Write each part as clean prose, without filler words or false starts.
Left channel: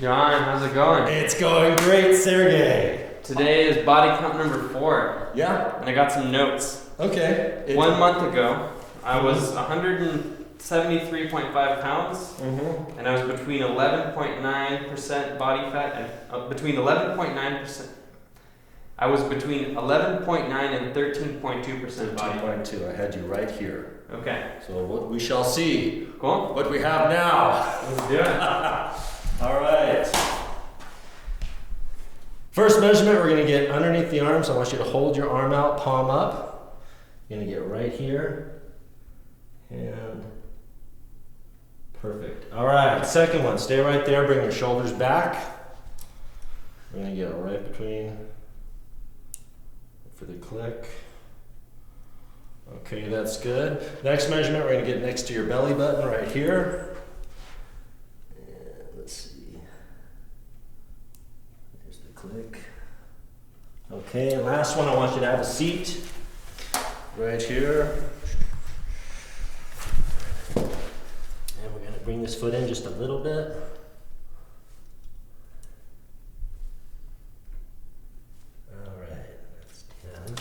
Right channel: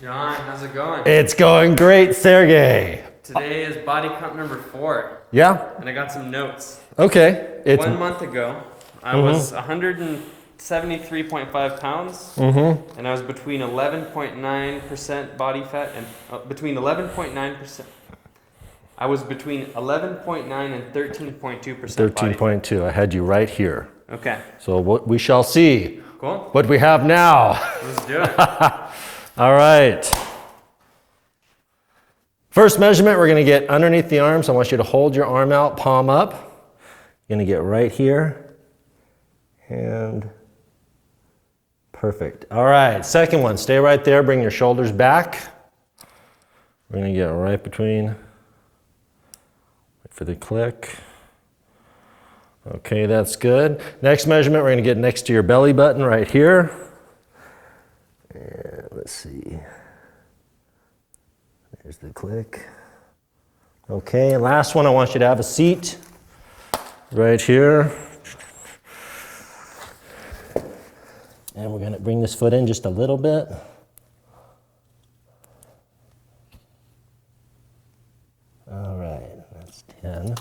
John, how's it going? It's going great, Sergey. Today is body count number 4. Yeah? And I got some notes. Okay. 1 month ago, I was 173.5 pounds, and I was between 11.9% body fat and between 11.9%. I was between 11.9 and 13.2%. 13.2. I had you right here. Okay. So what we shall see. Cool. What we have now. Let's do it. All right. First measurement, we're going to get underneath the arms. I want you to hold your arm out, palm up. You're going to get right here. And perfect. All right, second one. Stay right there. Bring your shoulders back. We're going to get right between. Wait for the click. Okay, that's good. Next measurement, we're going to get next to your belly button right here. And let's see. There's the click. Okay, last one, I want you to have a seat right here. And we're going to bring this foot in just a little bit. All right, that's 10.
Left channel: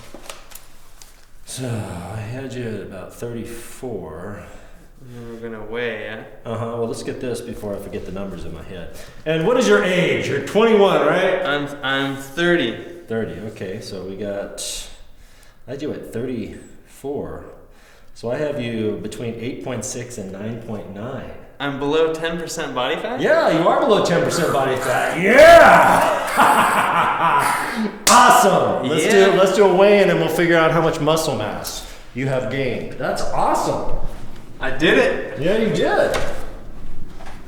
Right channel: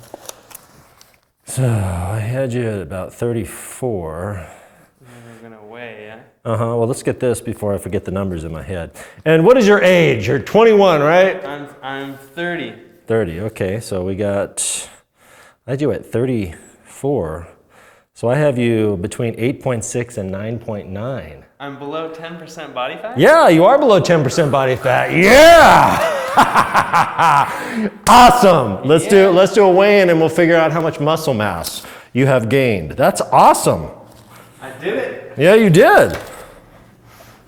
So I had you at about 34. We're going to weigh, yeah? Well, let's get this before I forget the numbers in my head. And what is your age? You're 21, right? I'm 30. 30, okay. So I had you at 34. So I have you between 8.6 and 9.9. I'm below 10% body fat? Yeah, you are below 10% body fat. Yeah! Awesome. Let's do a weigh-in and we'll figure out how much muscle mass you have gained. That's awesome. I did it. Yeah, you did.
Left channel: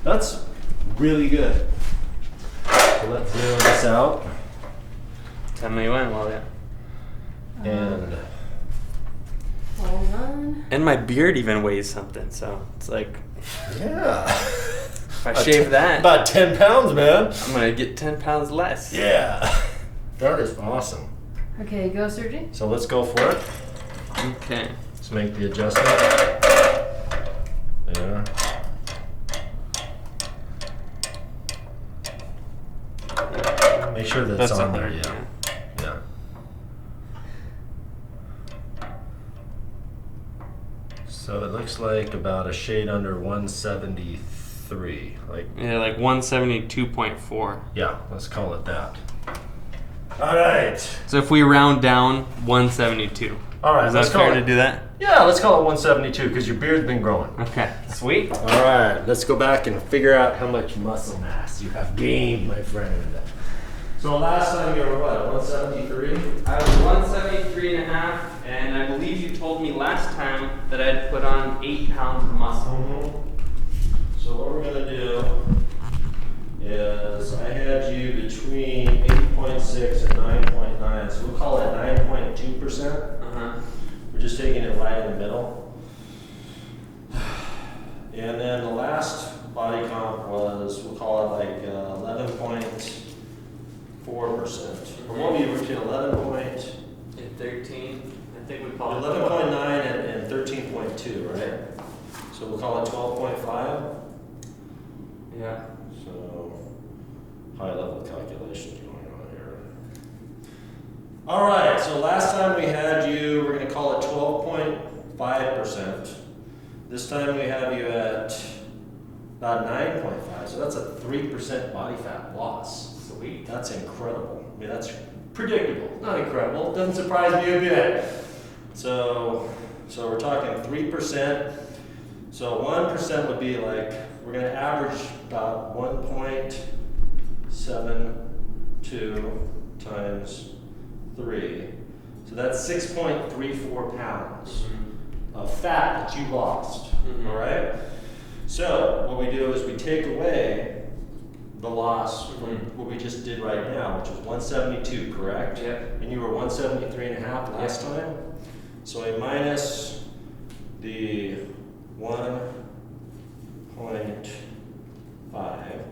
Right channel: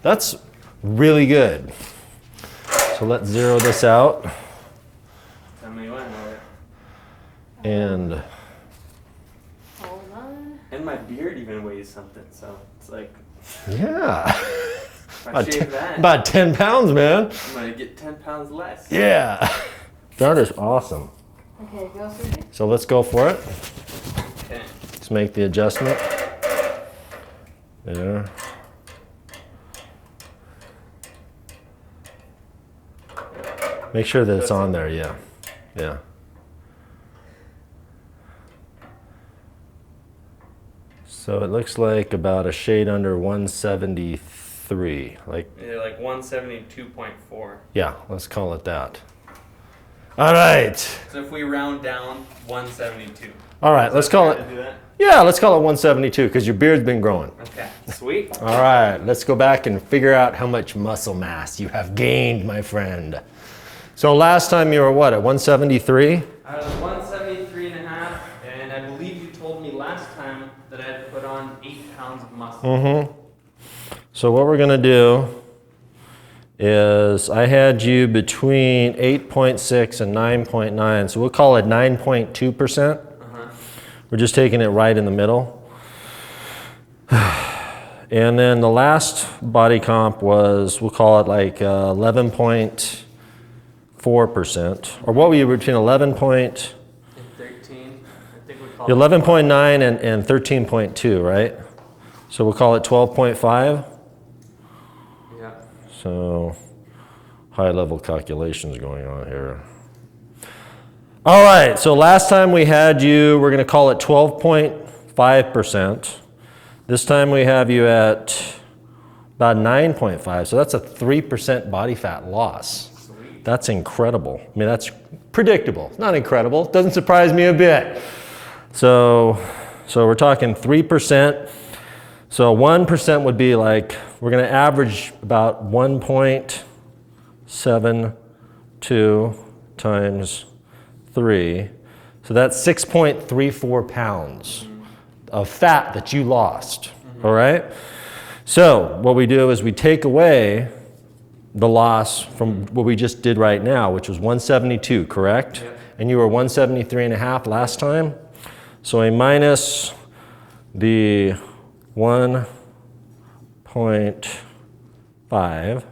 That's really good. So let's zero this out. Tell me when, will you? And Hold on. And my beard even weighs something, so it's like, yeah. if I shave that, About 10 pounds, man. I'm gonna get 10 pounds less. Yeah. That is awesome. Okay, go, Sergey. So let's go for it. Okay. Let's make the adjustment. There. Make sure that it's on there, yeah. Yeah. So it looks like about a shade under 173. Yeah, like 172.4. Yeah, let's call it that. All right. So if we round down, 172. All right, let's call it. To do that? Yeah, let's call it 172 because your beard's been growing. Okay, sweet. All right, let's go back and figure out how much muscle mass you have gained, my friend. So last time you were what, at 173? I was 173 and a half, and I believe you told me last time that I'd put on 8 pounds of muscle. So what we're gonna do is I had you between 8.6 and 9.9, so we'll call it 9.2%. We're just taking it right in the middle. And then the last body comp was, we'll call it like 11.4%. Or what were you between 11 point? And 13, I think we call 11.9 and 13.2, right? So we'll call it 12.5. Yeah. So high level calculations going on here. All right, so last time we had you, we're gonna call it 12.5%. This time we have you at about 9.5, so that's a 3% body fat loss. Sweet. That's incredible. I mean, that's predictable, not incredible. Doesn't surprise me a bit. So we're talking 3%. So 1% would be like, we're gonna average about 1.72 times 3. So that's 6.34 pounds of fat that you lost, all right? So what we do is we take away the loss from what we just did right now, which was 172, correct? Yep. And you were 173 and a half last time. So a minus the 1.5.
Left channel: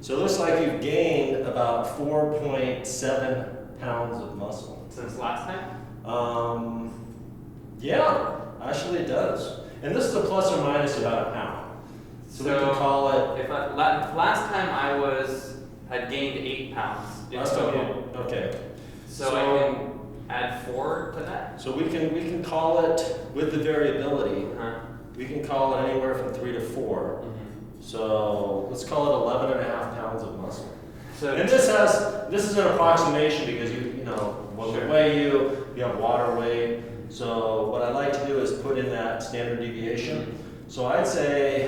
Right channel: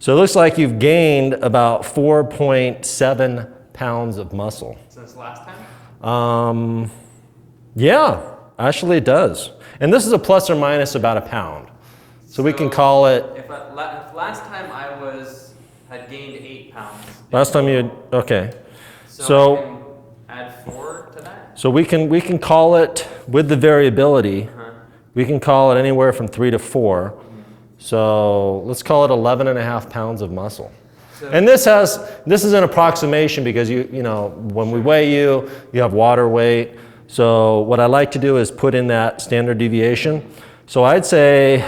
So it looks like you've gained about 4.7 pounds of muscle. Since last time? Yeah, actually it does. And this is a plus or minus about a pound. So we can call it. If last time I'd gained 8 pounds. Last time you, okay. So I can add 4 to that? So we can call it, with the variability, Uh-huh. we can call it anywhere from 3 to 4. Mm-hmm. So let's call it 11.5 pounds of muscle. So And this is an approximation because you know, when we weigh you have water weight. So what I like to do is put in that standard deviation. So I'd say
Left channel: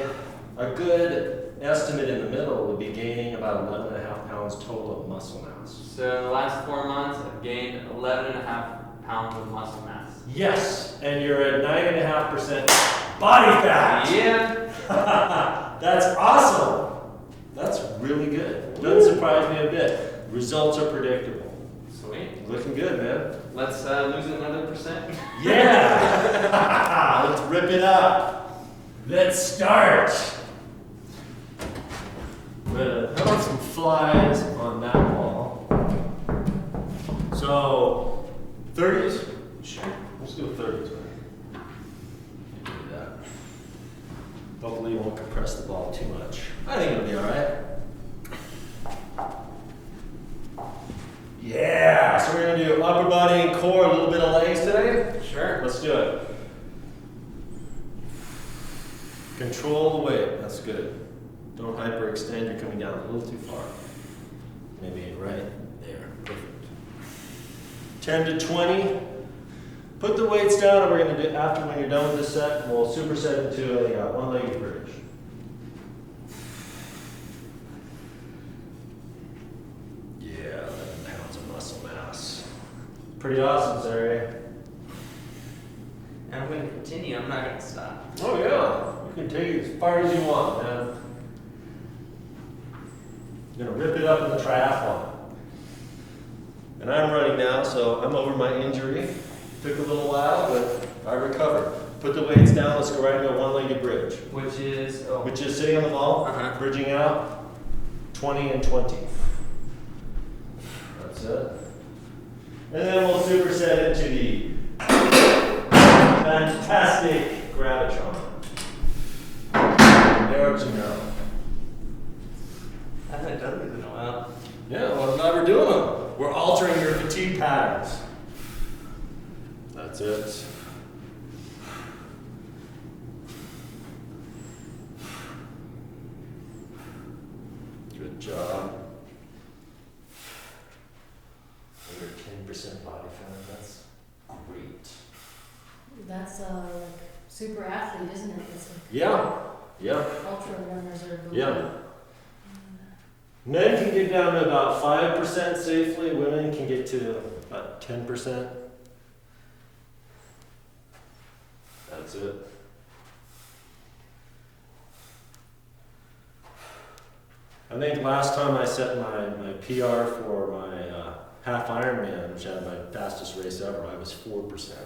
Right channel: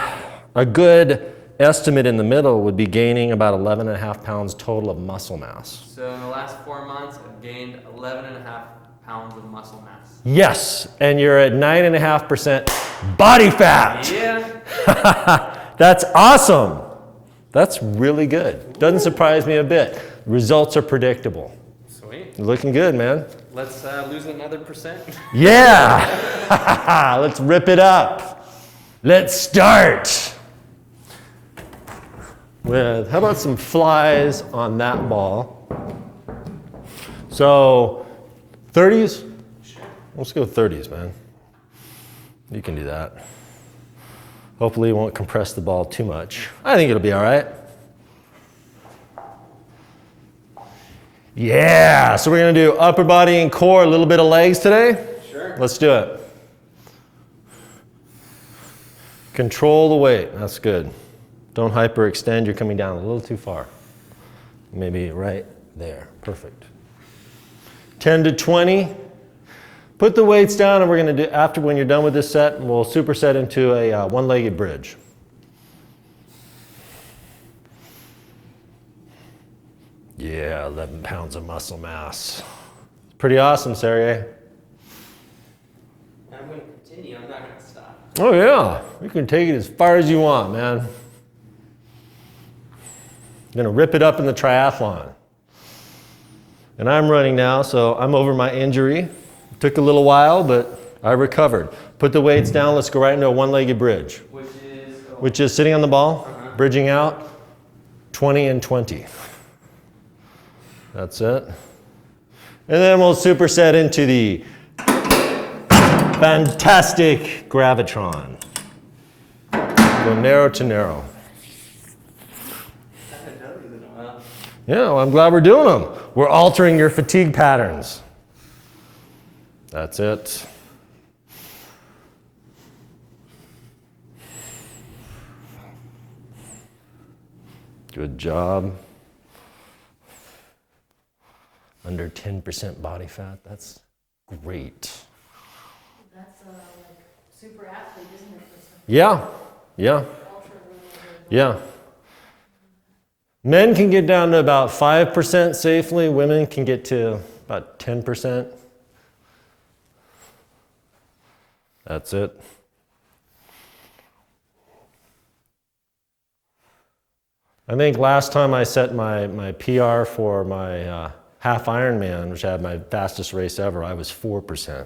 a good estimate in the middle would be gaining about 11.5 pounds total of muscle mass. So in the last 4 months, I've gained 11.5 pounds of muscle mass. Yes, and you're at 9.5% body fat. Yeah. That's awesome. That's really good. Doesn't surprise me a bit. Results are predictable. Sweet. You're looking good, man. Let's lose another percent. Yeah. Let's rip it up. Let's start. With, how about some flies on that ball? So 30s? Sure. Let's go 30s, man. You can do that. Hopefully you won't compress the ball too much. I think it'll be all right. Yeah, so we're gonna do upper body and core, a little bit of legs today. Sure. Let's do it. Control the weight, that's good. Don't hyperextend, you're coming down a little too far. Maybe right there, perfect. 10 to 20. Put the weights down and we're gonna do, after when you're done with this set, we'll superset into a one-legged bridge. Yeah, 11 pounds of muscle mass. Pretty awesome, Sergey. And I'm going to continue. I'm not going to stop. Oh yeah, you can take it as far as you want, man. I'm gonna rip it up in the triathlon. And I'm running now, so I'm over my injury. Took a little while, but I recovered. Put the weights down, let's go right into a one-legged bridge. Which is sitting on the ball, bridging out, 20 and 20. That's it. And then we'll superset into the fantastic gravitron. Go narrow to narrow. I haven't done these in a while. Yeah, well, I'm glad we're doing them. We're altering your fatigue patterns. That's it. Good job. Under 10% body fat. That's great. That's like super athlete, isn't it? It's Yeah. Yeah. ultra runner. Yeah. Men can get down to about 5% safely. Women can get to about 10%. That's it. I think last time I set my PR for my half Ironman, which I had my fastest race ever, I was 4%.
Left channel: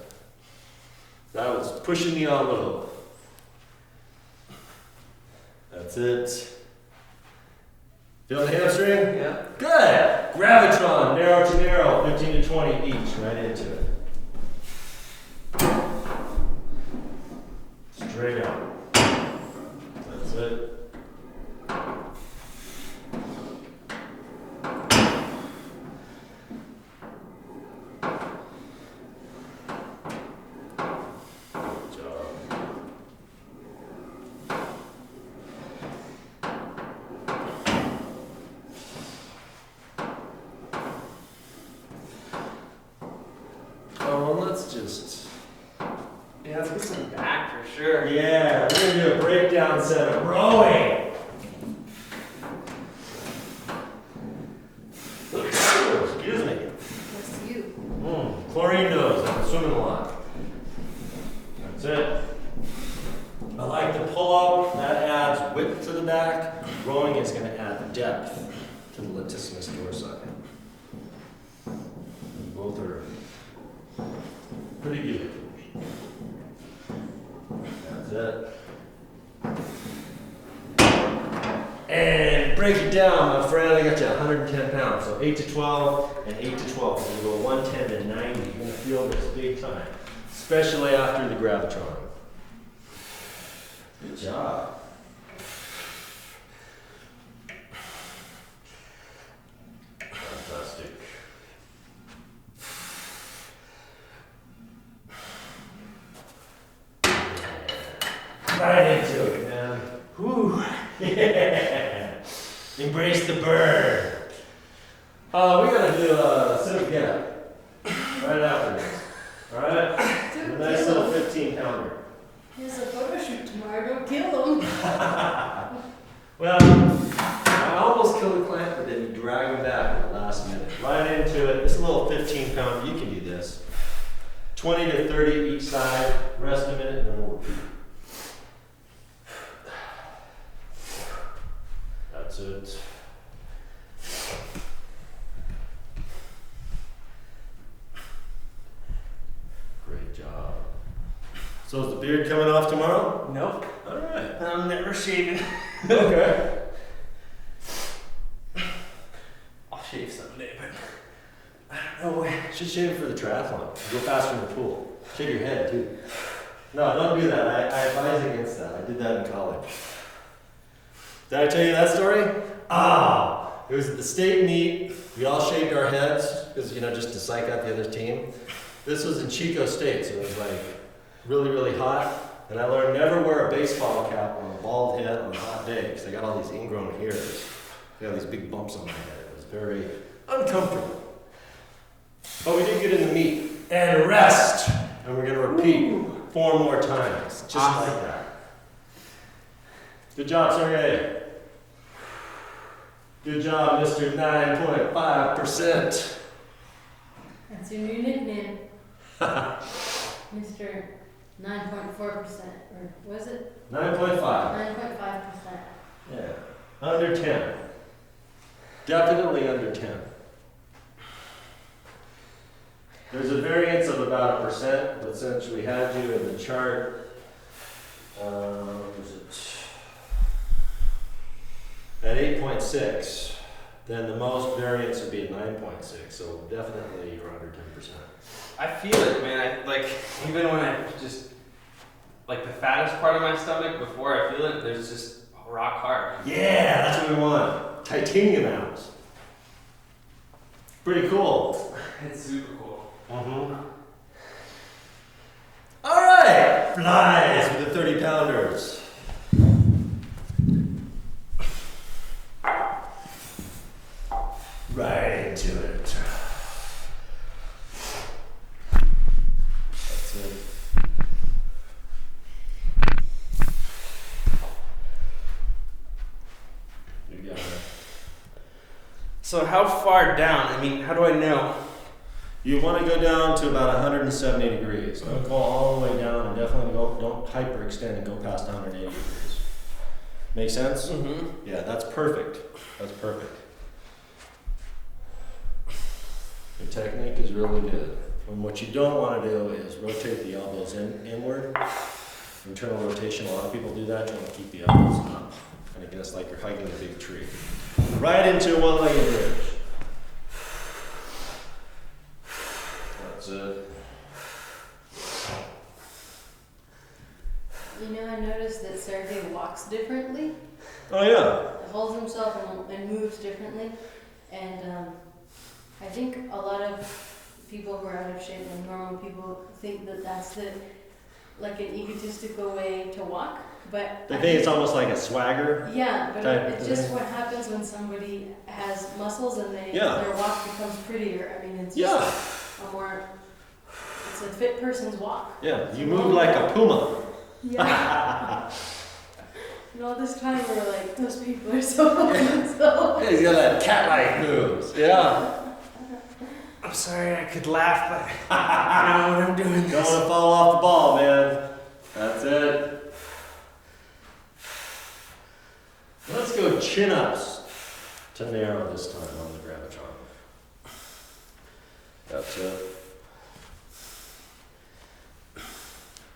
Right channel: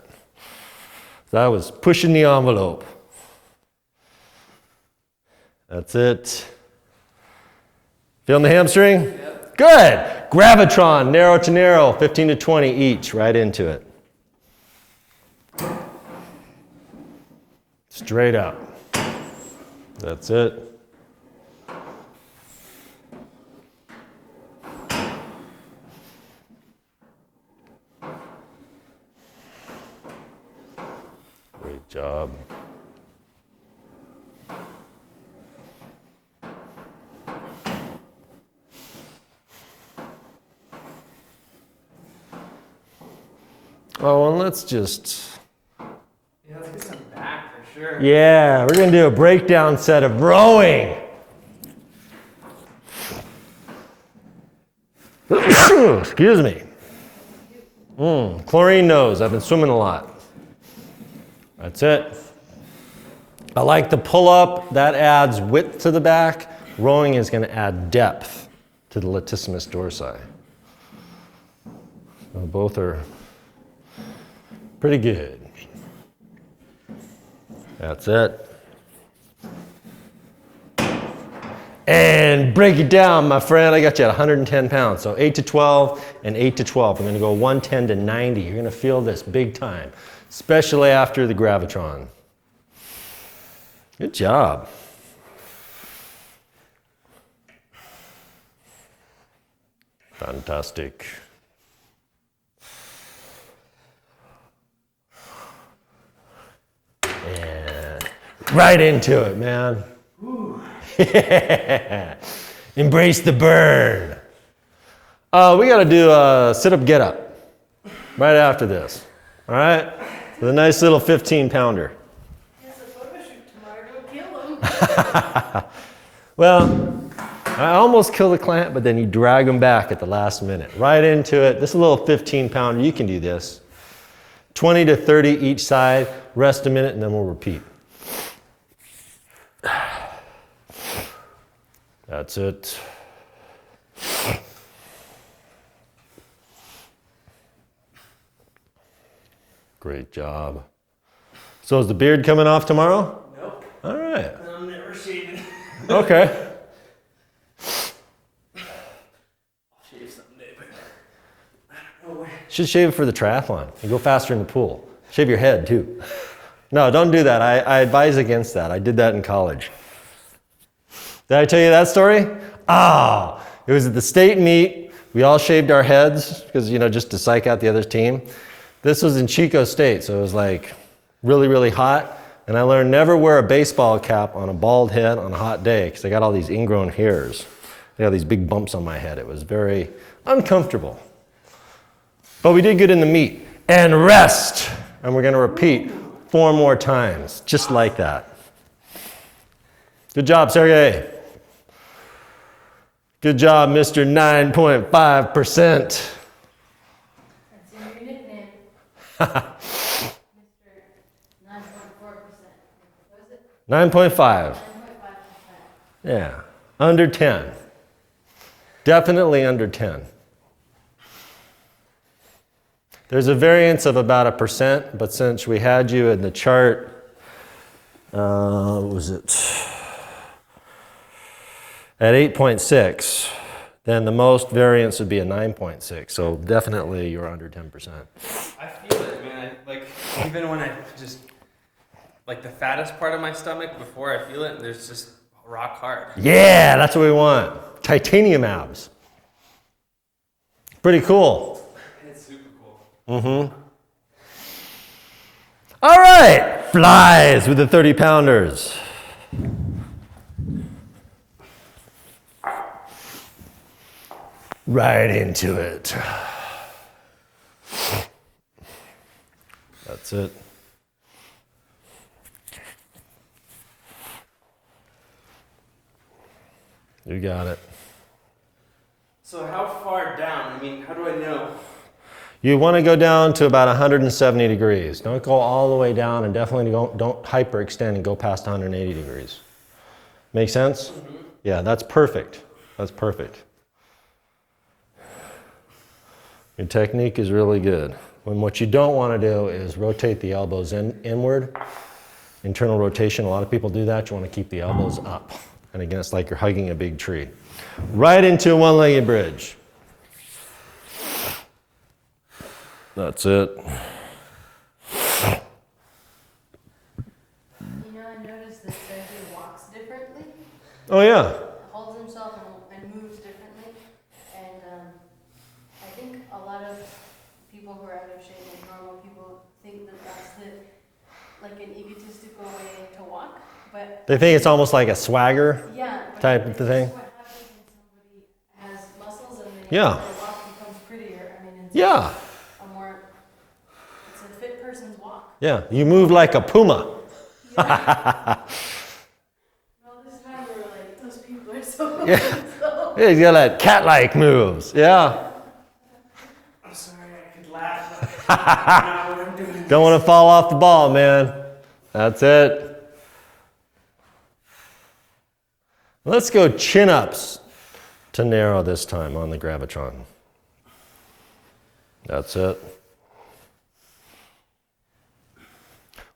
That was pushing the envelope. That's it. Feeling the hamstring? Yeah. Good. Gravitron, narrow to narrow, 15 to 20 each, right into it. Straight out. That's it. Good job. Oh, and let's just... Yeah, let's get some back for sure. Yeah, we're gonna do a breakdown set of rowing. Excuse me. What's you? Chlorine nose, I've been swimming a lot. That's it. I like the pull up, that adds width to the back. Rowing is gonna add depth to the latissimus dorsi. And both are pretty good. That's it. And break it down, my friend. I got you at 110 pounds. So 8 to 12 and 8 to 12. I'm gonna go 110 to 90. You're gonna feel this big time, especially after the gravitron. Good job. Fantastic. Yeah. Right into it, man. Yeah. Embrace the burn. We gotta do a sit-up get-up right after this. All right? With a nice little 15-pounder. Here's a photo shoot tomorrow. Don't kill him. Well, I almost killed a client, but then you drag them back at the last minute. Right into it. This is a little 15-pounder. You can do this. 20 to 30 each side. Rest a minute, and then we'll repeat. That's it. Great job. So is the beard coming off tomorrow? Nope. All right. I'm never shaving. Okay. I'll shave someday, but I don't know. Should shave it for the triathlon and go faster in the pool. Shave your head too. No, don't do that. I advise against that. I did that in college. Did I tell you that story? It was at the state meet. We all shaved our heads because, just to psych out the other team. This was in Chico State, so it was like really, really hot. And I learned never wear a baseball cap on a bald head on a hot day because I got all these ingrown hairs. I got these big bumps on my head. It was very uncomfortable. But we did good in the meet. And rest. And we're going to repeat 4 more times, just like that. Good job, Sergey. Good job, Mr. 9.5%. That's your new nickname. Mr. 9.4%. Or was it? 9.5. 9.5%. Yeah. Under 10. Definitely under 10. There's a variance of about 1%, but since we had you in the chart, what was it? At 8.6, then the most variance would be a 9.6. So definitely you're under 10%. I feel it, man. Even when I just, the fattest part of my stomach, before I feel it, there's just rock hard. Yeah, that's what we want. Titanium abs. Pretty cool. It's super cool. Mm-hmm. All right, flies with the 30-pounders. Right into it. That's it. You got it. So how far down? How do I know? You want to go down to about 170 degrees. Don't go all the way down, and definitely don't hyperextend and go past 180 degrees. Make sense? Mm-hmm. Yeah, that's perfect. That's perfect. Your technique is really good. And what you don't want to do is rotate the elbows inward. Internal rotation, a lot of people do that. You want to keep the elbows up. And again, it's like you're hugging a big tree. Right into a one-legged bridge. That's it. I noticed that Sergey walks differently. Oh, yeah. Holds himself and moves differently. And I think a lot of people who are out of shape and normal people think that that's an egotistical way to walk. But They think it's almost like a swagger. yeah, but type it's of just thing. what happens when somebody has muscles and Yeah. their walk becomes prettier. It's Yeah. just it's a fit person's walk. Yeah, you move like a puma. Yeah. All this time we were like, those people are so so. Yeah, he's got that cat-like moves. Yeah. I'm sorry, I could laugh, but I know what I'm doing. Don't want to fall off the ball, man. That's it. Let's go chin-ups to narrow this time on the Gravitron. That's it.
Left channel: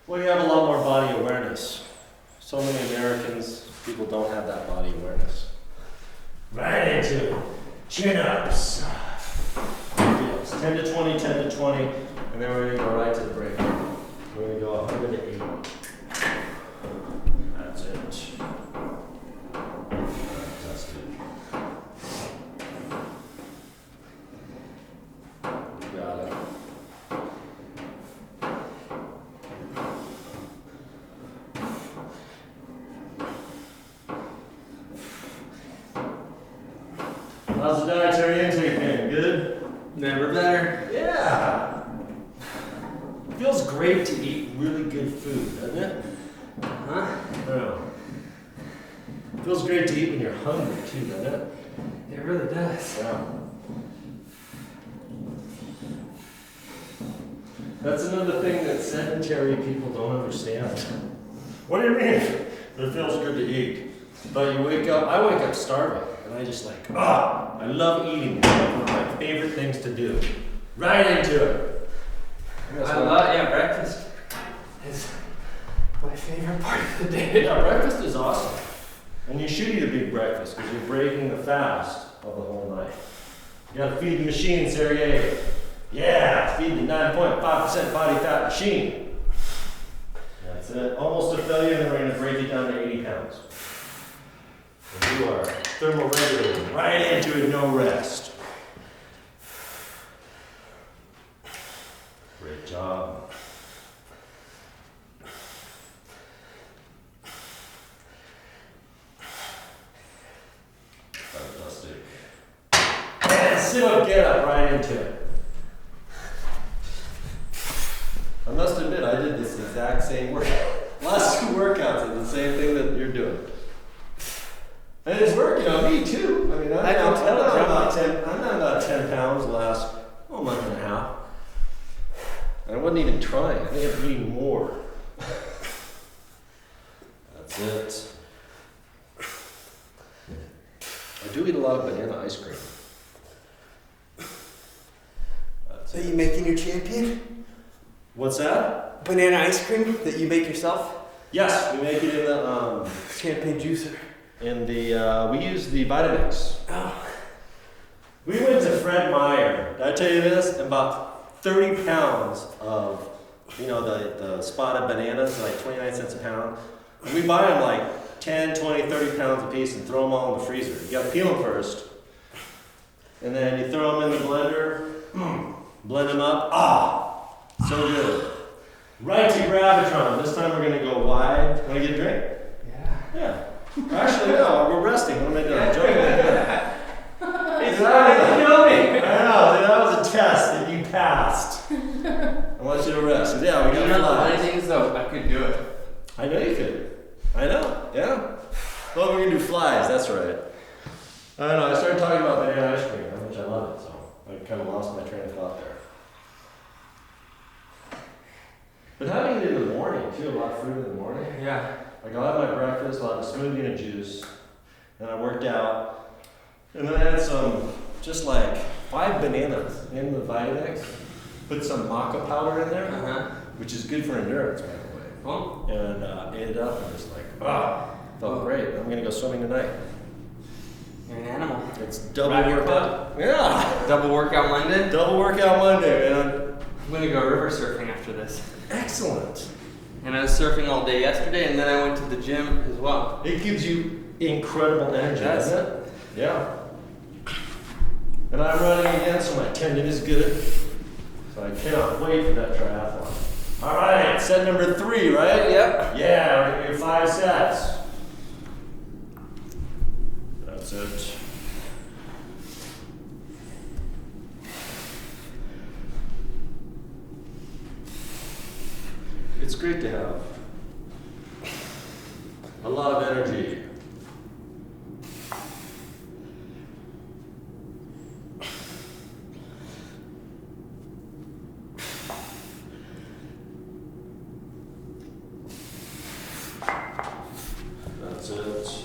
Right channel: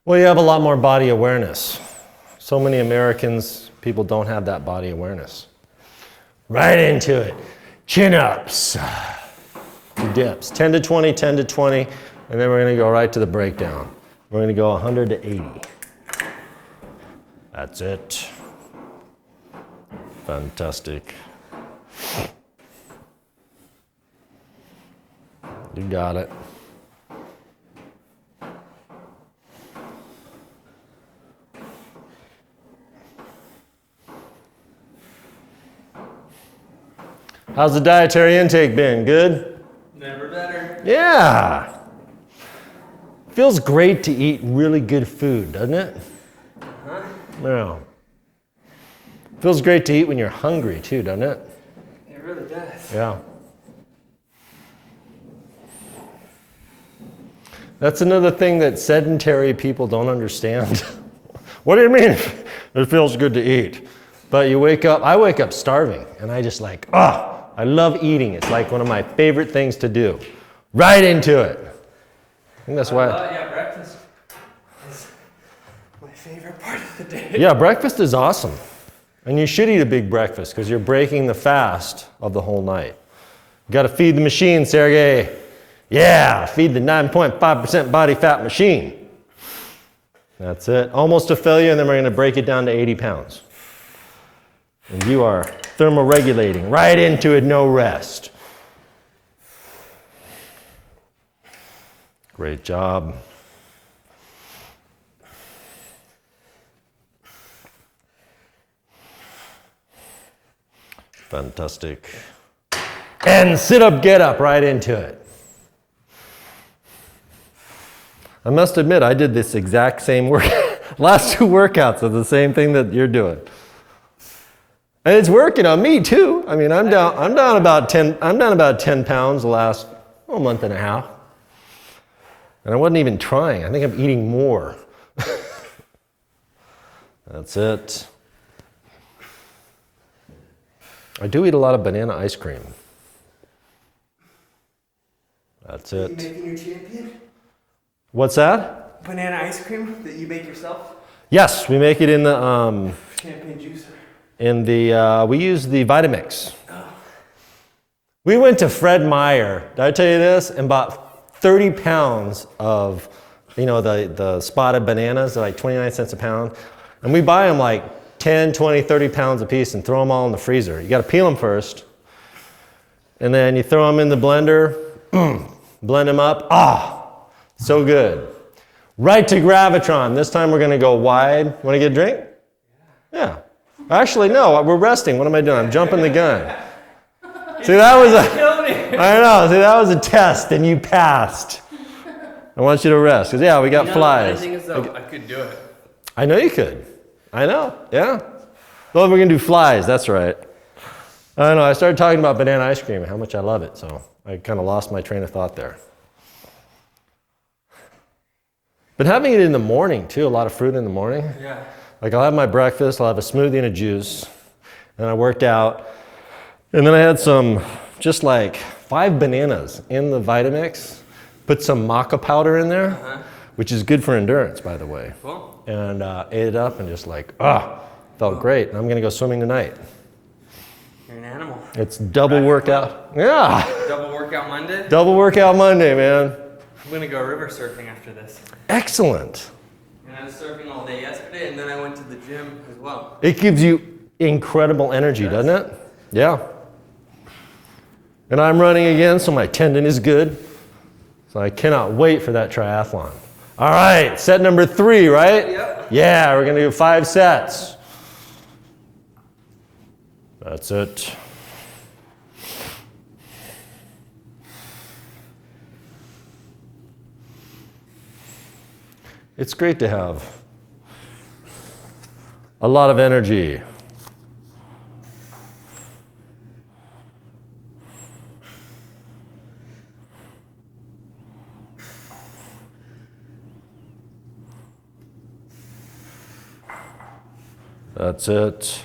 Well, you have a lot more body awareness. So many Americans, people don't have that body awareness. Right into it. Chin-ups. Dips. 10 to 20, 10 to 20, and then we're going to go right to the breakdown. We're going to go 100 to 80. That's it. Fantastic. You got it. How's the dietary intake been? Good? Never better. Yeah. Feels great to eat really good food, doesn't it? Huh? Yeah. Feels great to eat when you're hungry too, doesn't it? It really does. Yeah. That's another thing that sedentary people don't understand. What do you mean? It feels good to eat. But you wake up, I wake up starving, and I just like, I love eating. It's like one of my favorite things to do. Right into it. I think that's why. Yeah, breakfast is my favorite part of the day. Yeah, breakfast is awesome. And you should eat a big breakfast because you're breaking the fast of the whole night. You got to feed the machine, Sergey. Yeah, feed the 9.5% body fat machine. That's it. Almost a failure, and then we're going to break it down to 80 pounds. And you are thermoregulating right into it, no rest. Great job. Fantastic. And sit up, get up, right into it. I must admit, I did this exact same work. Last two workouts are the same thing that you're doing. And it's working on me too. I mean, I'm down about 10 pounds the last month and a half. And I wasn't even trying. I think I'm eating more. That's it. I do eat a lot of banana ice cream. That's it. Are you making your champion? What's that? Banana ice cream that you make yourself? Yes, we make it in the Champagne juicer. we use the Vitamix. Oh. We went to Fred Meyer, did I tell you this? And bought 30 pounds of, the spotted bananas, like 29 cents a pound. And we buy them like 10, 20, 30 pounds a piece and throw them all in the freezer. You gotta peel them first. And then you throw them in the blender, blend them up. So good. Right to Gravitron. This time we're gonna go wide. Wanna get a drink? Yeah. Actually, no, we're resting. What am I doing? I'm jumping the gun. See, that was a test and you passed. I want you to rest. Cause yeah, we got flies. The thing is though, I could do it. I know you could. I know, yeah. Well, we're gonna do flies, that's right. I don't know, I started talking about banana ice cream and how much I love it, so I kind of lost my train of thought there. Been having it in the morning too, a lot of fruit in the morning. Yeah. Like I'll have my breakfast, I'll have a smoothie and a juice, and I worked out, and then I had just like 5 bananas in the Vitamix, put some maca powder in there, which is good for endurance, by the way. Cool. And ate it up and just like, felt great. I'm gonna go swimming tonight. You're an animal. It's double workout. Yeah. Double workout Monday? Double workout Monday, man. I'm gonna go river surfing after this. Excellent. And I was surfing all day yesterday, and then I went to the gym as well. It gives you incredible energy, doesn't it? Yeah. And I'm running again, so my tendon is good. So I cannot wait for that triathlon. All right, set number 3, right? Yep. Yeah, we're gonna do 5 sets. That's it. It's great to have a lot of energy. That's it.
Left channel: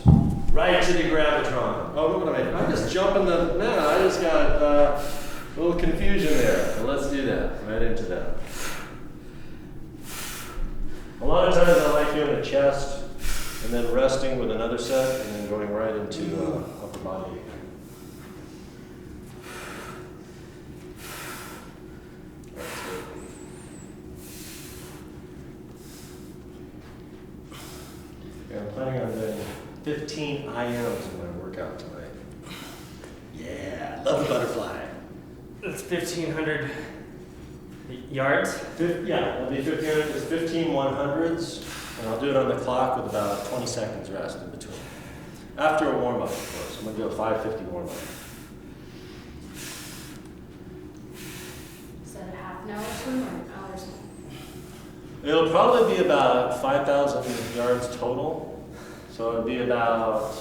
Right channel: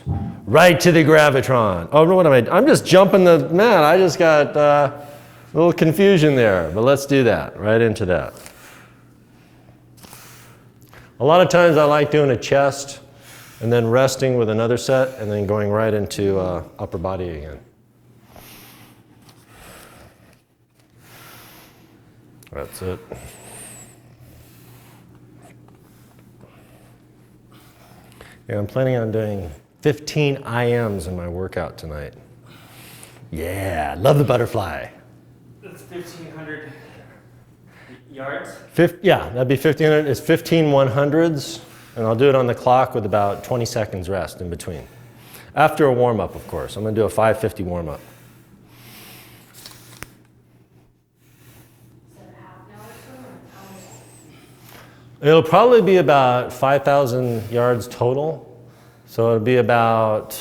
Right to the Gravitron. Oh, no, what am I? I'm just jumping the mat. I just got a little confusion there, but let's do that. Right into that. A lot of times I like doing a chest and then resting with another set and then going right into upper body again. That's it. Yeah, I'm planning on doing 15 IMs in my workout tonight. Yeah, love the butterfly. That's 1,500 yards. Yeah, that'd be 1,500. It's 15 100s, and I'll do it on the clock with about 20 seconds rest in between. After a warm-up, of course. I'm going to do a 550 warm-up. Is that a half an hour swim or an hour swim? It'll probably be about 5,000 yards total. So it'll be about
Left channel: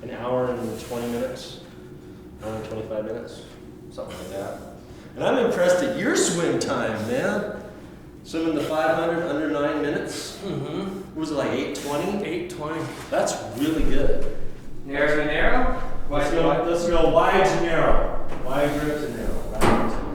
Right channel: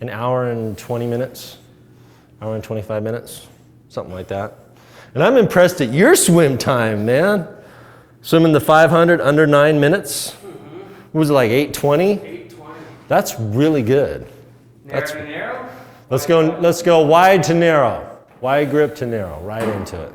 an hour and 20 minutes, hour and 25 minutes, something like that. And I'm impressed at your swim time, man. Swimming the 500 under 9 minutes. Mm-hmm. Was it like 8:20? 8:20. That's really good. Narrow to narrow? Let's go wide to narrow. Wide grip to narrow, right into it.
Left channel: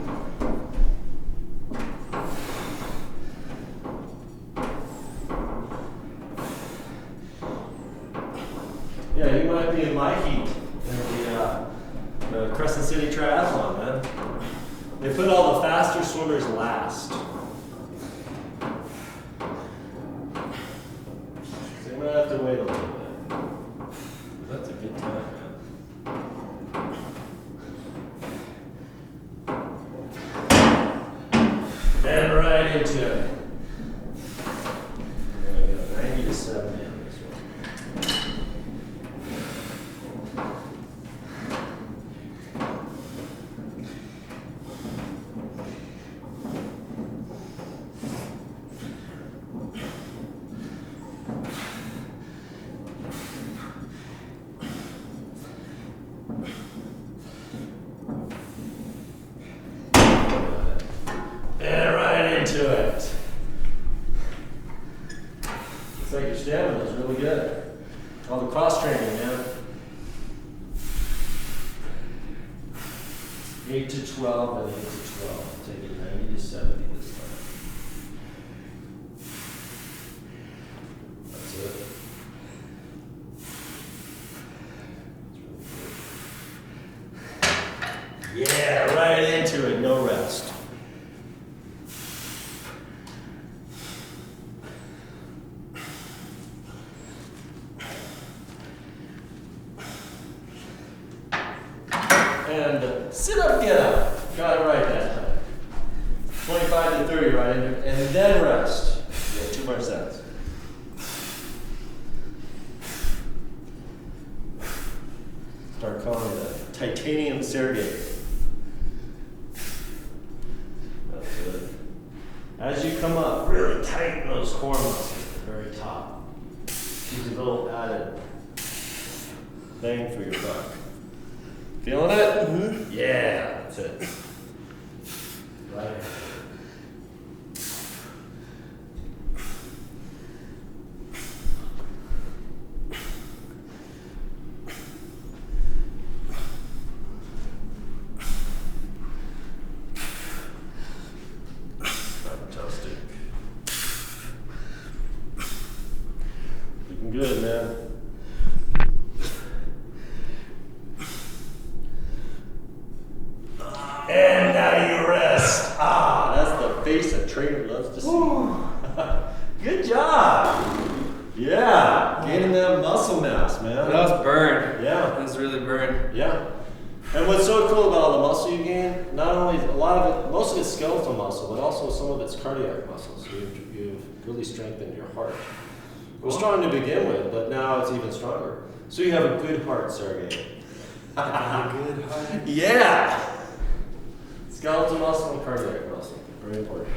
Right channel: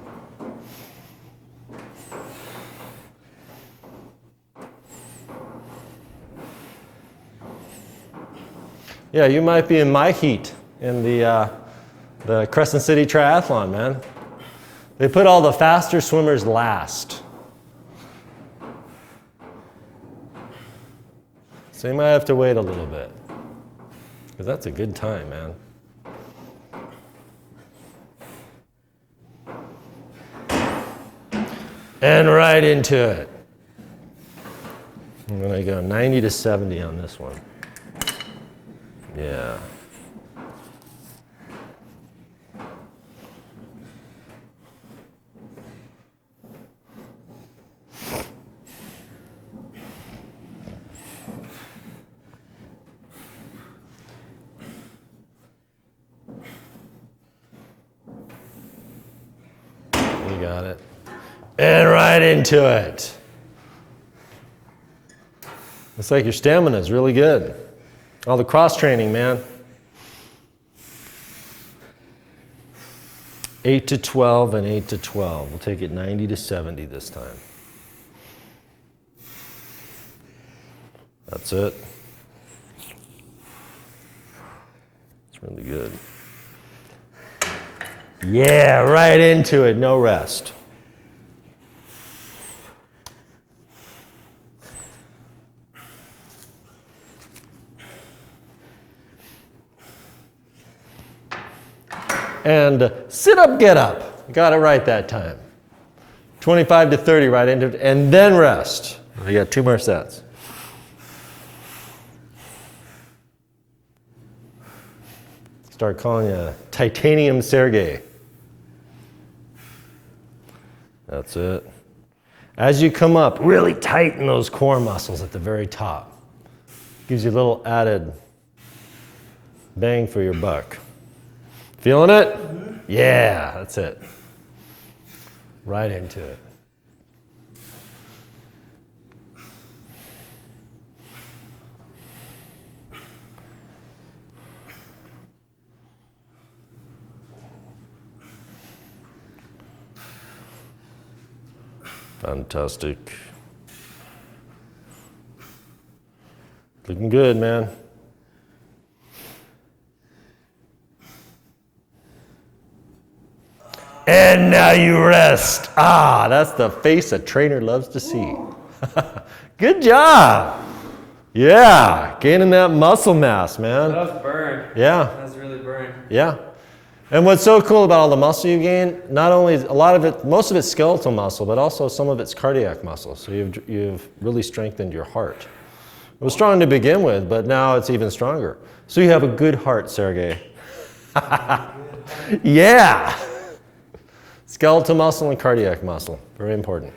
Yeah, you might be in my heat in the Crescent City Triathlon, man. They put all the faster swimmers last. So you might have to wait a little bit. Because that's a good time, man. And right into it. I'm gonna go 90 to 70 on this one. Yeah. You got it. And right into it. Looks like your stamina is really good. All the cross training, man. 8 to 12 and 8 to 12. We'll take it 90 to 70 this time. That's it. It's really good. Yeah, right into it, no rest. And sit up, get up. Got it right that time. 25 to 30 right into it, and then rest. We got 2 more sets. Start calling you Titanium Sergey. That's it. As you come up, really tighten those core muscles at the very top. Gives you a little added bang for your buck. Feeling it? Mm-hmm. Yeah, that's it. Right into it. Fantastic. Looking good, man. And now you rest. Ah, that's the face a trainer loves to see. Good job. Yeah, gaining that muscle mass, man. That was burned. Yeah. That was really burned. Yeah. And what's so cool about all the muscle you gain, not only a lot of it, most of it's skeletal muscle, but also some of it's cardiac muscle. So you've really strengthened your heart. It was strong to begin with, but now it's even stronger. So you have a good heart, Sergey. Yeah. Skeletal muscle and cardiac muscle, very important.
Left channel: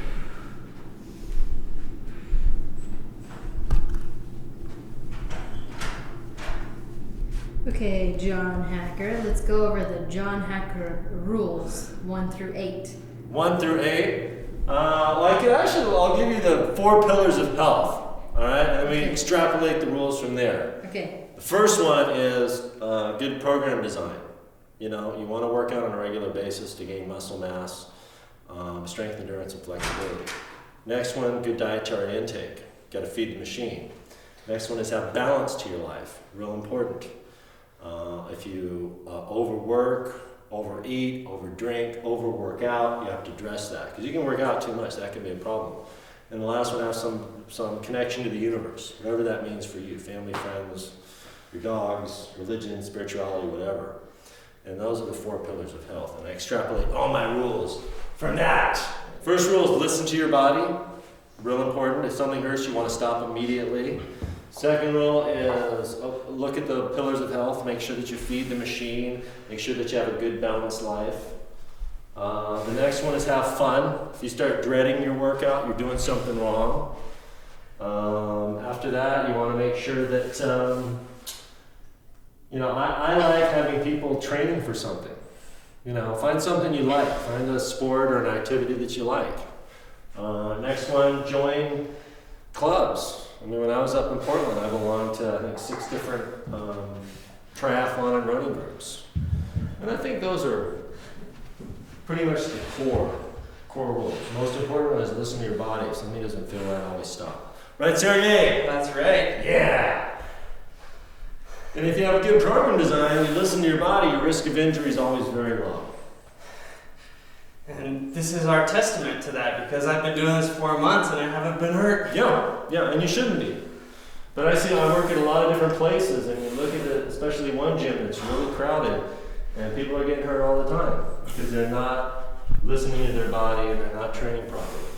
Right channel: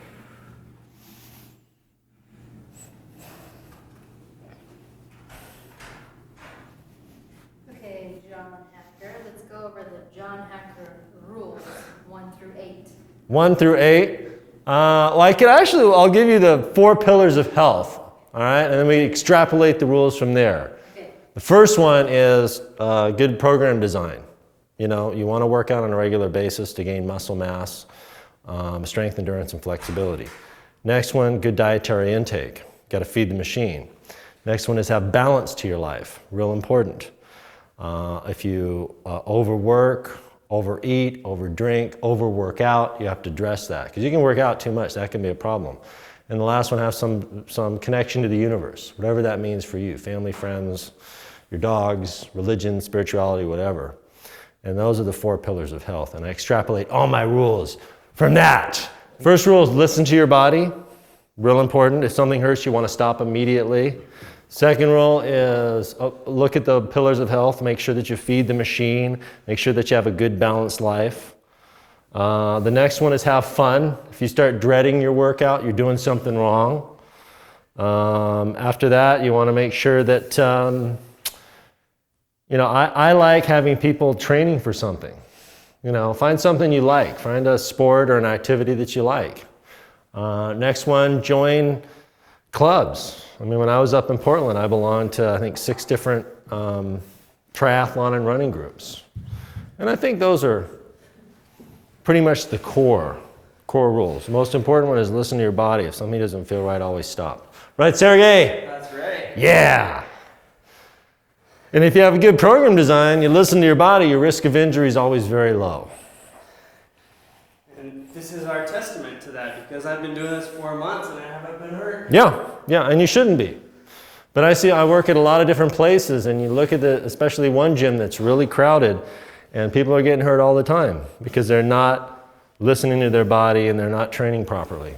Okay, John Hacker, let's go over the John Hacker rules, 1 through 8. 1 through 8. I'll give you the 4 pillars of health, all right? And then we extrapolate the rules from there. Okay. The first one is good program design. You know, you want to work out on a regular basis to gain muscle mass, strength, endurance, and flexibility. Next one, good dietary intake. Got to feed the machine. Next one is have balance to your life. Real important. If you overwork, overeat, overdrink, overwork out, you have to address that. Because you can work out too much, that can be a problem. And the last one, have some connection to the universe, whatever that means for you. Family, friends, your dogs, religion, spirituality, whatever. And those are the 4 pillars of health. And I extrapolate all my rules from that. First rule is listen to your body. Real important. If something hurts, you want to stop immediately. Second rule is look at the pillars of health. Make sure that you feed the machine. Make sure that you have a good balanced life. The next one is have fun. If you start dreading your workout, you're doing something wrong. After that, you want to make sure that, I like having people training for something. Find something you like. Find a sport or an activity that you like. Next one, join clubs. When I was up in Portland, I belonged to, I think, 6 different triathlon and running groups. And I think those are pretty much the core rules. The most important one is listen to your body. If something doesn't feel right, always stop. Right, Sergey? That's right. Yeah. And if you have a good program design, you listen to your body, your risk of injury is always very low. And this is our testament to that, because I've been doing this 4 months and I haven't been hurt. Yeah, and you shouldn't be. But I work at a lot of different places, and you look at especially one gym that's really crowded, and people are getting hurt all the time because they're not listening to their body and they're not training properly.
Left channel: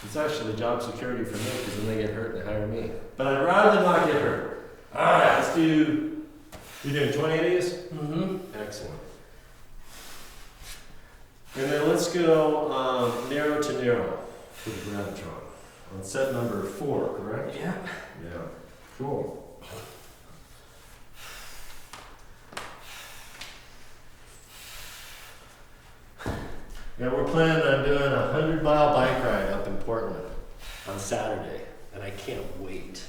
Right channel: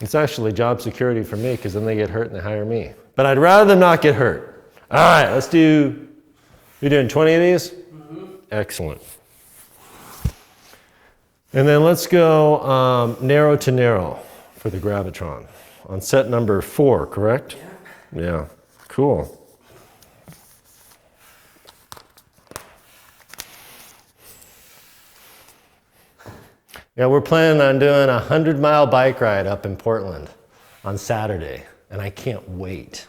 It's actually job security for me, because then they get hurt and they hire me. But I'd rather them not get hurt. All right, you're doing 20 of these? Mm-hmm. Excellent. And then let's go narrow to narrow for the gravitron on set number 4, correct? Yeah. Yeah, cool. Yeah, we're planning on doing a 100-mile bike ride up in Portland on Saturday, and I can't wait.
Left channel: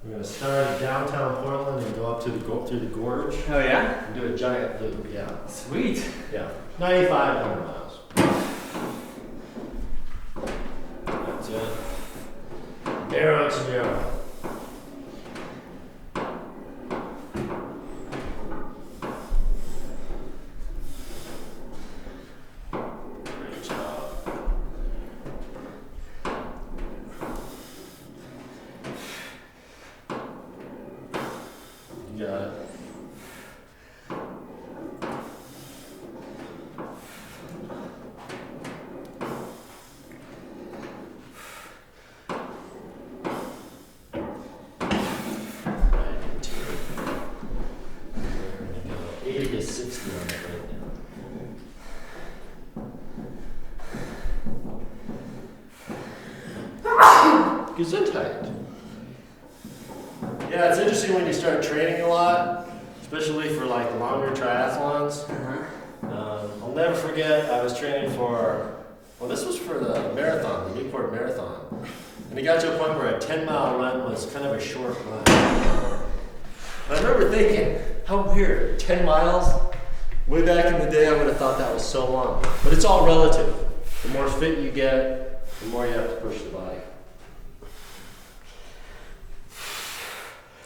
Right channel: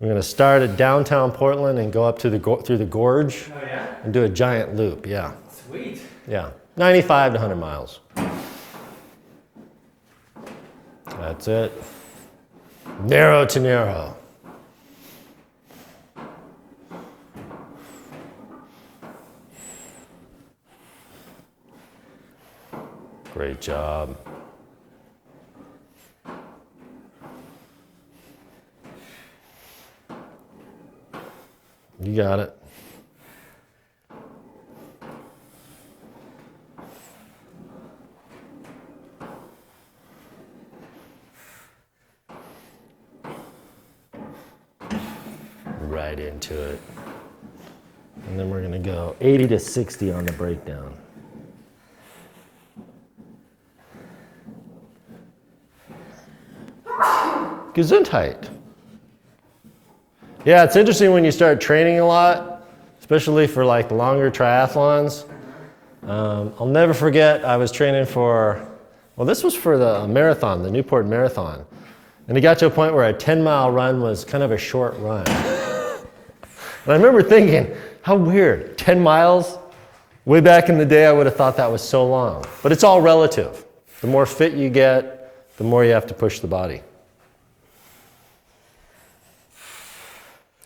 We're going to start at downtown Portland and go up to through the gorge. Oh, yeah? And do a giant loop, yeah. Sweet. Yeah, 95 to 100 miles. That's it. Narrow to narrow. Great job. You got it. Right into it. And then we're going to go 80 to 60 on the breakdown. Gesundheit. Yeah, it's interesting when you start training a lot, especially for like longer triathlons. I'll never forget, I was training this was for the marathon, the Newport Marathon. And it got to a point where a 10-mile run was kind of a short run. And I remember thinking, how weird, 10 miles? Way back in the day, I would have thought that was so long. But it's all relative. The more fit you get, the more you have to push the body.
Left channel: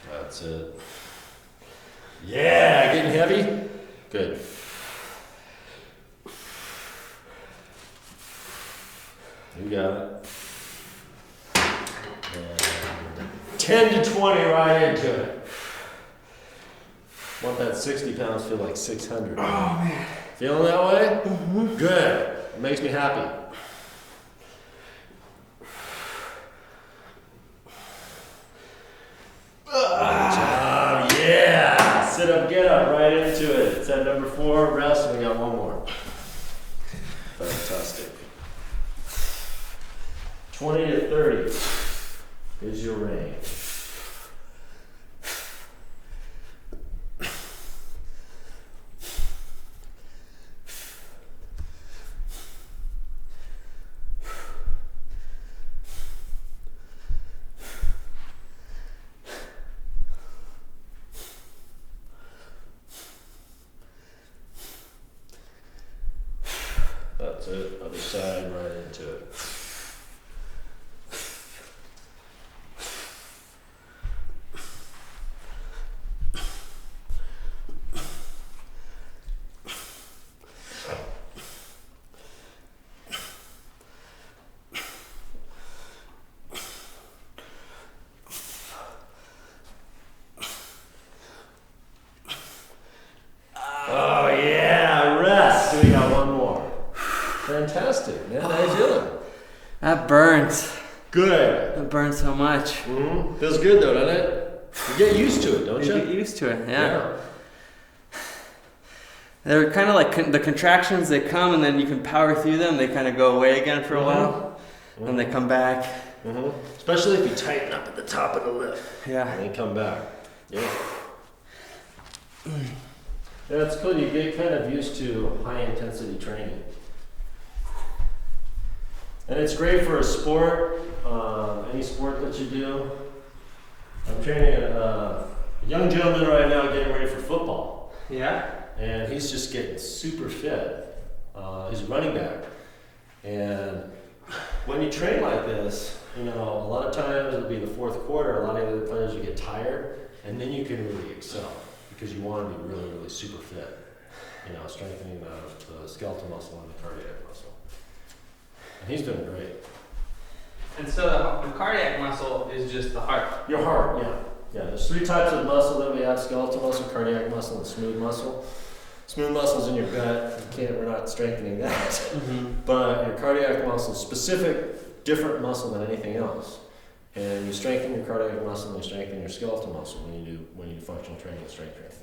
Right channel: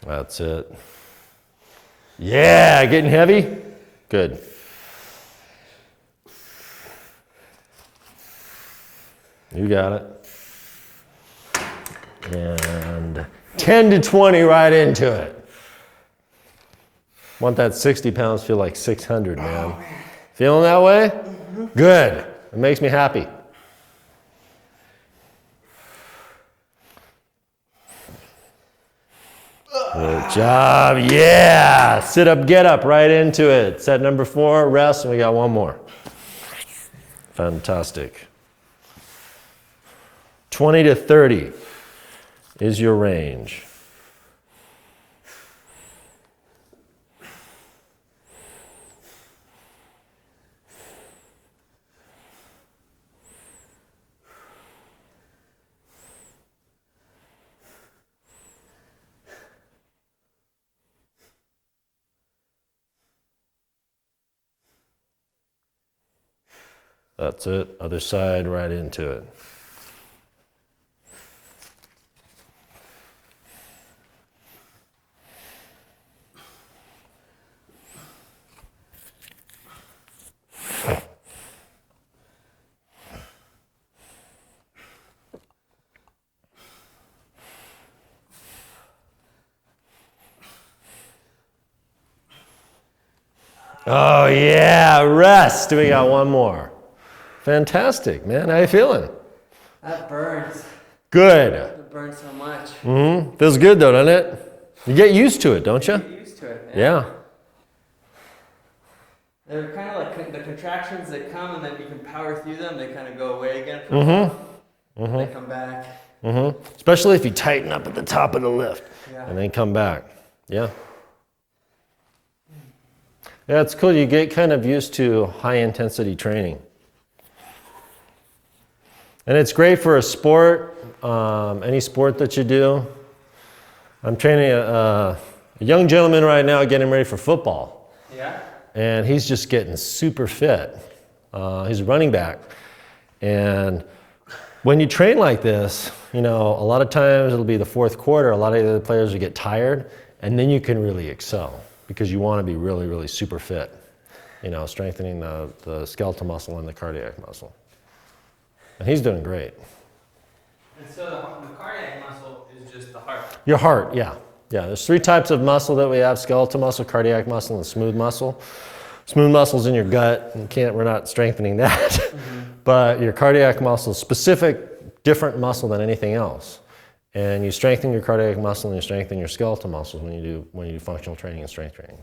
That's it. Yeah, getting heavy? Good. You got it. And 10 to 20 right into it. Want that 60 pounds feel like 600, man. Oh, man. Feeling that way? Mm-hmm. Good. It makes me happy. Good job. Yeah. Sit up, get up, right into it. Set number 4, rest, and we got one more. Fantastic. 20 to 30 is your range. That's it. Other side, right into it. Oh yeah, rest. We got one more. Fantastic, man. How you feeling? That burns. Good. It burns so much. Feels good though, doesn't it? You get used to it, don't You you? get used to it, Yeah. They're kind of like the contractions, they come and then you can power through them. They kind of go away again for a while. And they come back. Especially if you tighten up at the top of the lift. Yeah. And then come back. Yeah. Yeah, it's cool. You get kind of used to high intensity training. And it's great for a sport, any sport that you do. I'm training a young gentleman right now getting ready for football. Yeah? And he's just getting super fit. He's a running back. And when you train like this, you know, a lot of times it'll be the fourth quarter, a lot of the other players will get tired, and then you can really excel because you want to be really, really super fit. You know, strengthening the skeletal muscle and the cardiac muscle. And he's doing great. And so the cardiac muscle is just the heart. Your heart, yeah. Yeah, there's 3 types of muscle that we have: skeletal muscle, cardiac muscle, and smooth muscle. Smooth muscle's in your gut. We're not strengthening that. But your cardiac muscle is specific, different muscle than anything else. And you strengthen your cardiac muscle and you strengthen your skeletal muscle when you do functional training and strength training.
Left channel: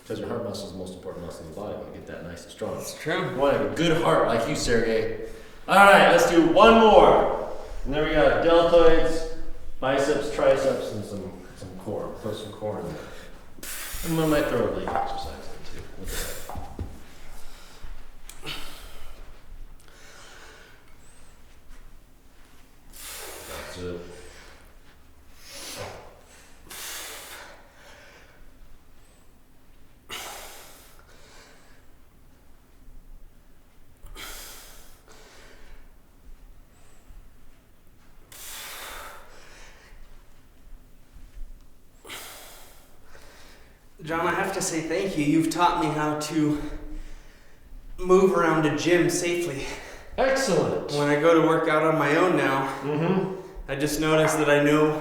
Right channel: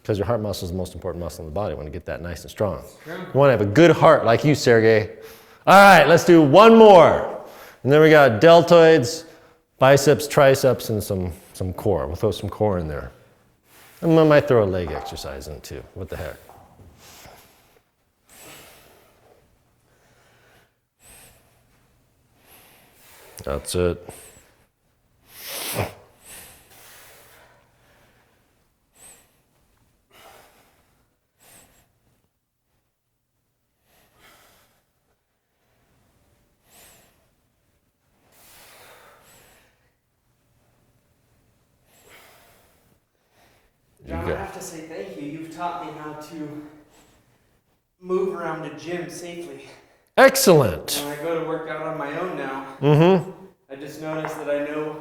Because your heart muscle is the most important muscle in the body. You want to get that nice and strong. That's true. You want to have a good heart like you, Sergey. All right, let's do one more. And then we got deltoids, biceps, triceps, and some core. We'll throw some core in there. And we might throw a leg exercise in it too. What the heck? That's it. John, I have to say thank you. You've taught me how to move around a gym safely. Excellent. When I go to work out on my own now, I just notice that I know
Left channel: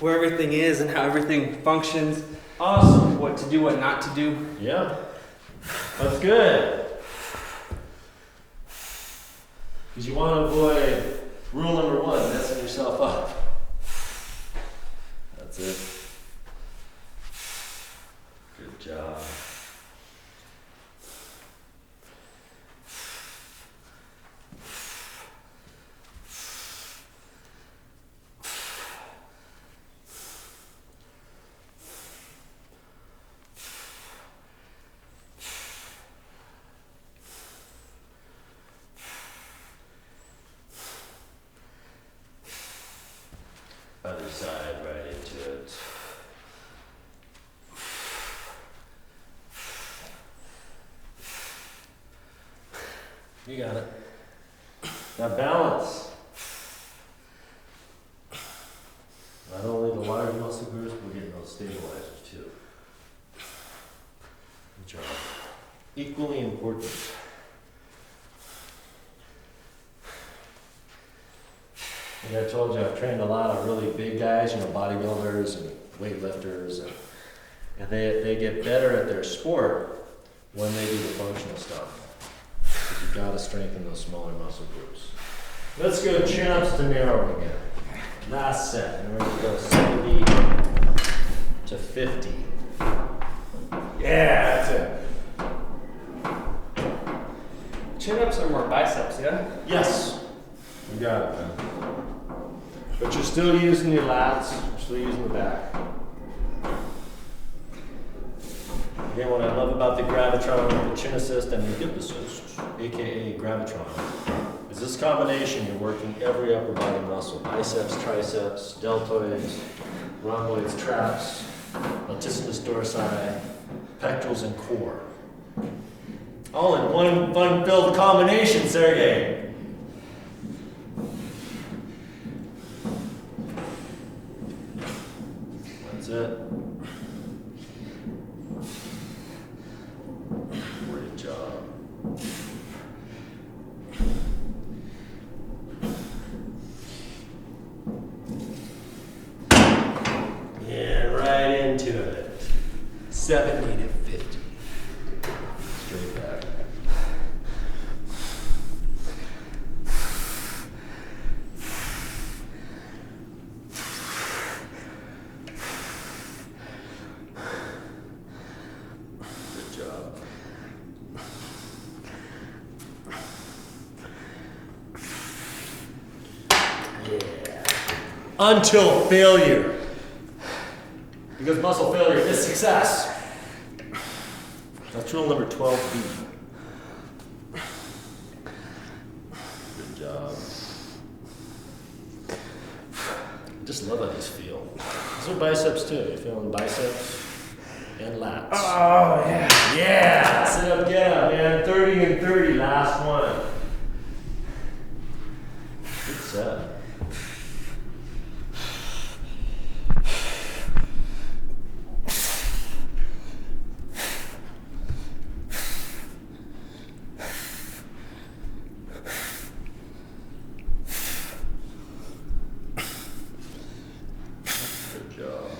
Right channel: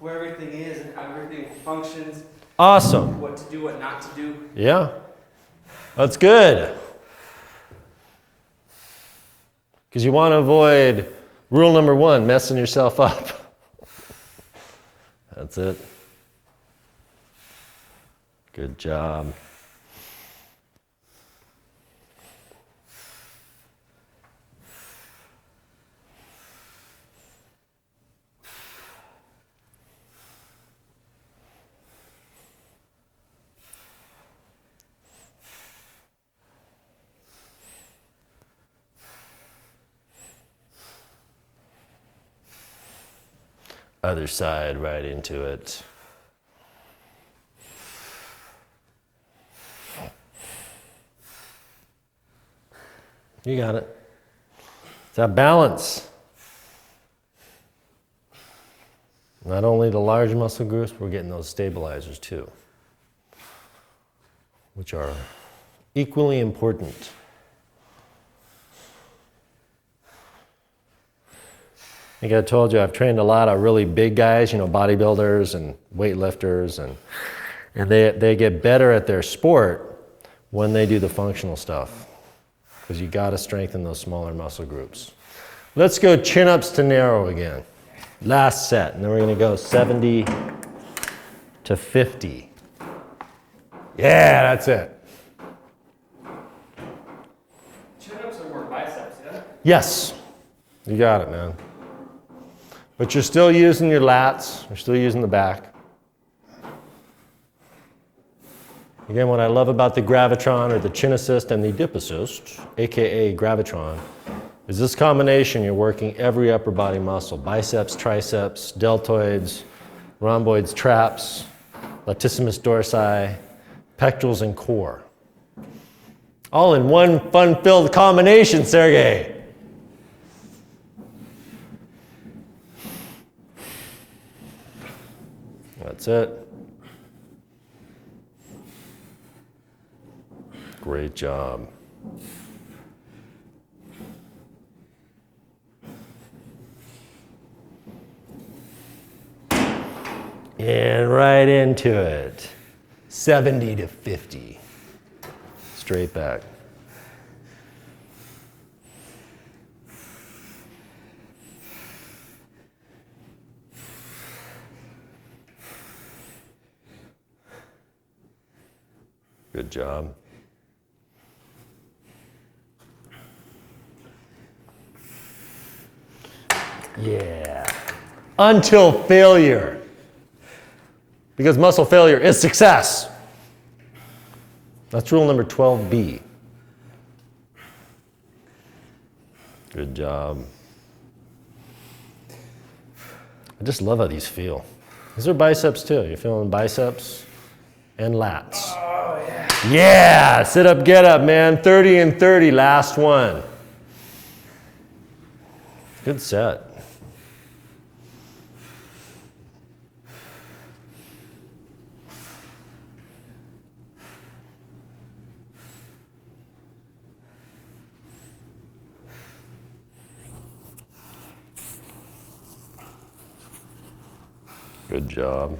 where everything is and how everything functions. Awesome. What to do, what not to do. Yeah. That's good. Because you want to avoid rule number 1, messing yourself up. That's it. Good job. Other side, right into it. You got it. That balance. Not only the large muscle groups, we're getting those stabilizers too, which are equally important. Like I told you, I've trained a lot of really big guys, you know, bodybuilders and weightlifters, and they get better at their sport when they do the functional stuff. Because you got to strengthen those smaller muscle groups. Let's go chin-ups to narrow again. Last set, and then we're going to go 70 to 50. Yeah, that's it. Chin-ups are more biceps, yeah? Yes, you got it, man. But you're still using your lats, you're still using the back. Again, what I love about the gravitron or the chin assist and the dip assist, aka gravitron, is this combination. You're working every upper body muscle: biceps, triceps, deltoids, rhomboids, traps, latissimus dorsi, pectorals, and core. All in one fun-filled combination, Sergey. That's it. Great job. And right into it. 70 to 50. straight back. Good job. Yeah. Until failure. Because muscle failure is success. That's rule number 12B. Good job. I just love how these feel. Those are biceps too. You're feeling biceps and lats. Oh, yeah. Yeah, sit up, get up, man. 30 and 30, last one. Good set. Good job.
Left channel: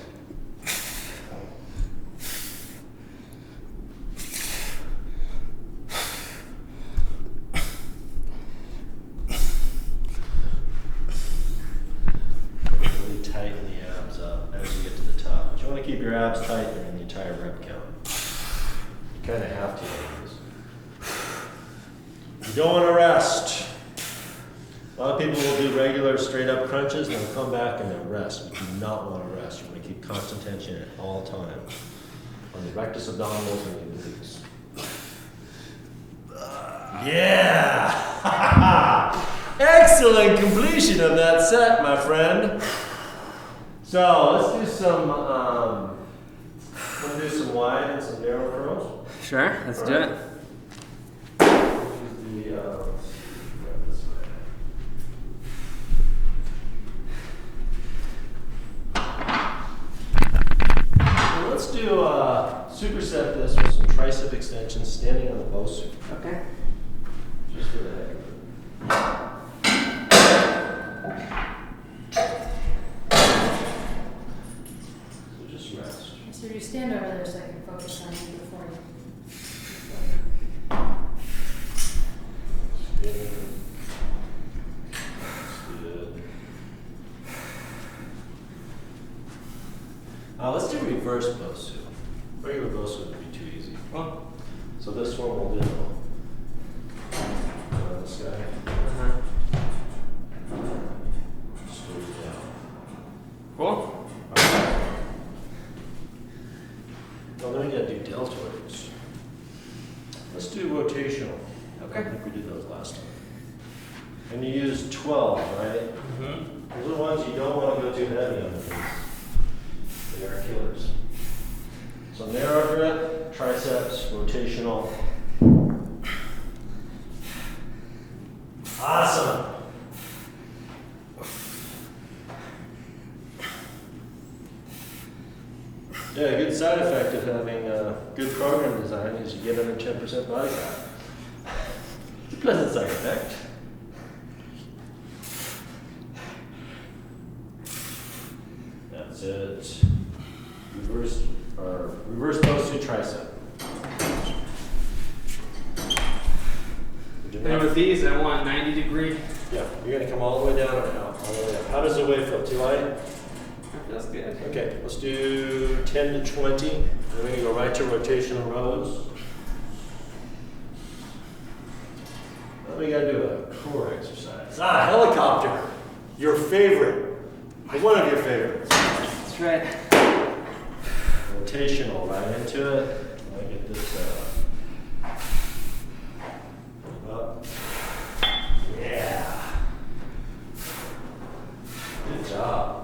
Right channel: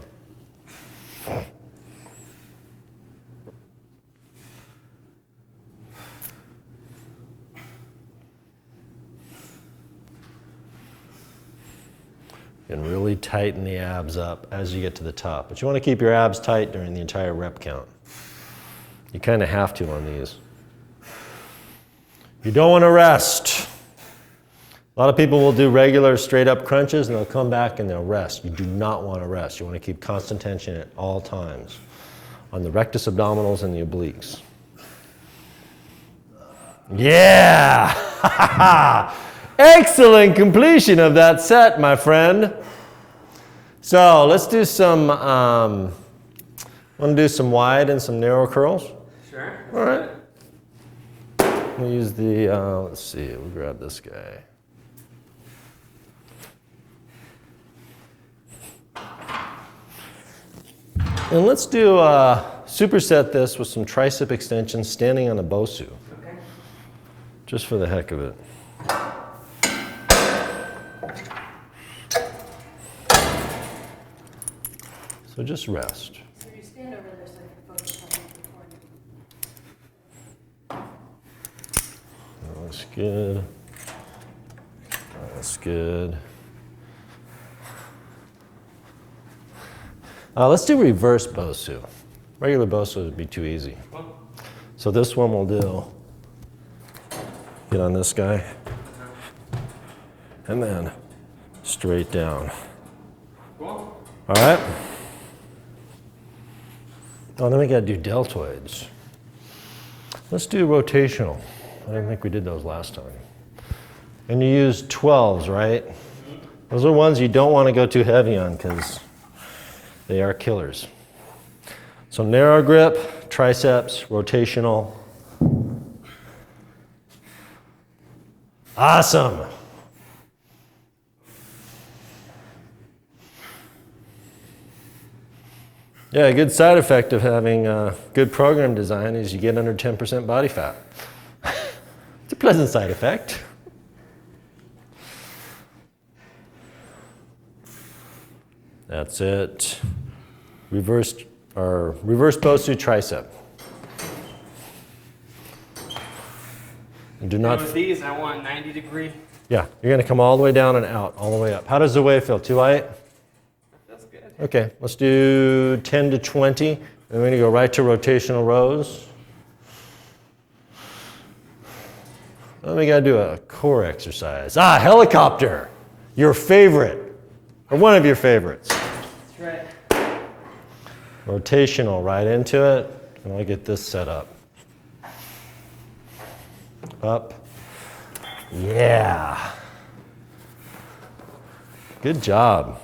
And really tighten the abs up as you get to the top. But you want to keep your abs tight during the entire rep count. You kind of have to on these. You don't want to rest. A lot of people will do regular straight up crunches and they'll come back and they'll rest. You do not want to rest. You want to keep constant tension at all times on the rectus abdominals and the obliques. Yeah! Excellent completion of that set, my friend. So let's do some, I'm going to do some wide and some narrow curls. Sure, let's All do right. it. We'll use the, let's see, we'll grab this guy. And let's do superset this with some tricep extensions standing on a Bosu, Okay. just for the heck of it. So just rest. So you stand over there so I can focus on you before you. Looks good. That's good. Let's do reverse Bosu. Regular Bosu would be too easy. Well, So this one we'll do, get on this guy, and then straight down. cool. All right? Oh, then we gotta do deltoids. Let's do rotational. I don't think we did those last time. And you use 12s, right? Mm-hmm. Those are ones you don't want to go too heavy on because they are killers. So narrow grip, triceps, rotational. Awesome. Yeah, a good side effect of having good program design is you get under 10% body fat. It's a pleasant side effect. That's it. Reverse Bosu tricep. And do not. And with these, I want 90 degree. Yeah, you're gonna come all the way down and out, all the way up. How does the weight feel? Too light? That's good. Okay, let's do 10 to 20. And we're gonna go right to rotational rows. Then we gotta do a core exercise. Helicopter, your favorite, or one of your favorites. That's right. Rotational, right into it. I wanna get this set up. Up. Yeah. Good job.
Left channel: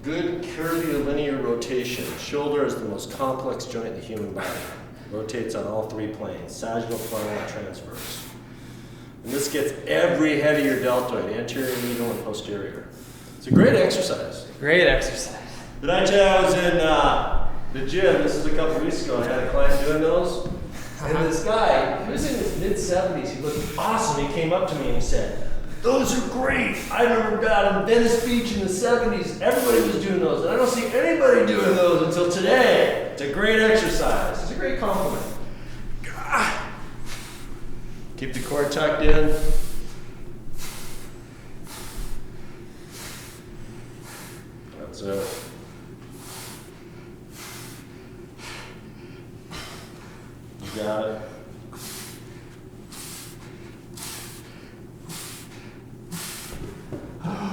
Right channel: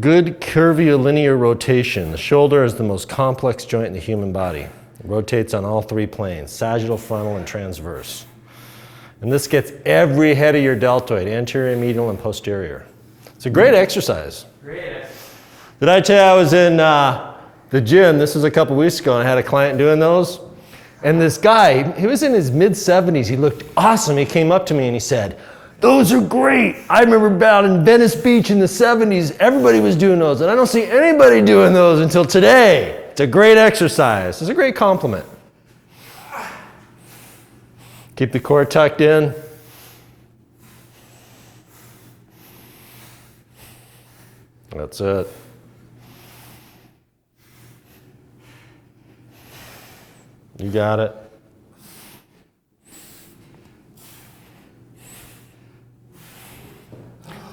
Good curvilinear rotation. The shoulder is the most complex joint in the human body. It rotates on all three planes, sagittal, frontal, and transverse. And this gets every head of your deltoid, anterior, medial, and posterior. It's a great exercise. Great exercise. Did I tell you I was in the gym, this was a couple weeks ago, and I had a client doing those? And this guy, he was in his mid-70s, he looked awesome. He came up to me and he said, Those are great. I remember out in Venice Beach in the 70s, everybody was doing those, and I don't see anybody doing those until today. It's a great exercise. It's a great compliment. Keep the core tucked in. That's it. You got it.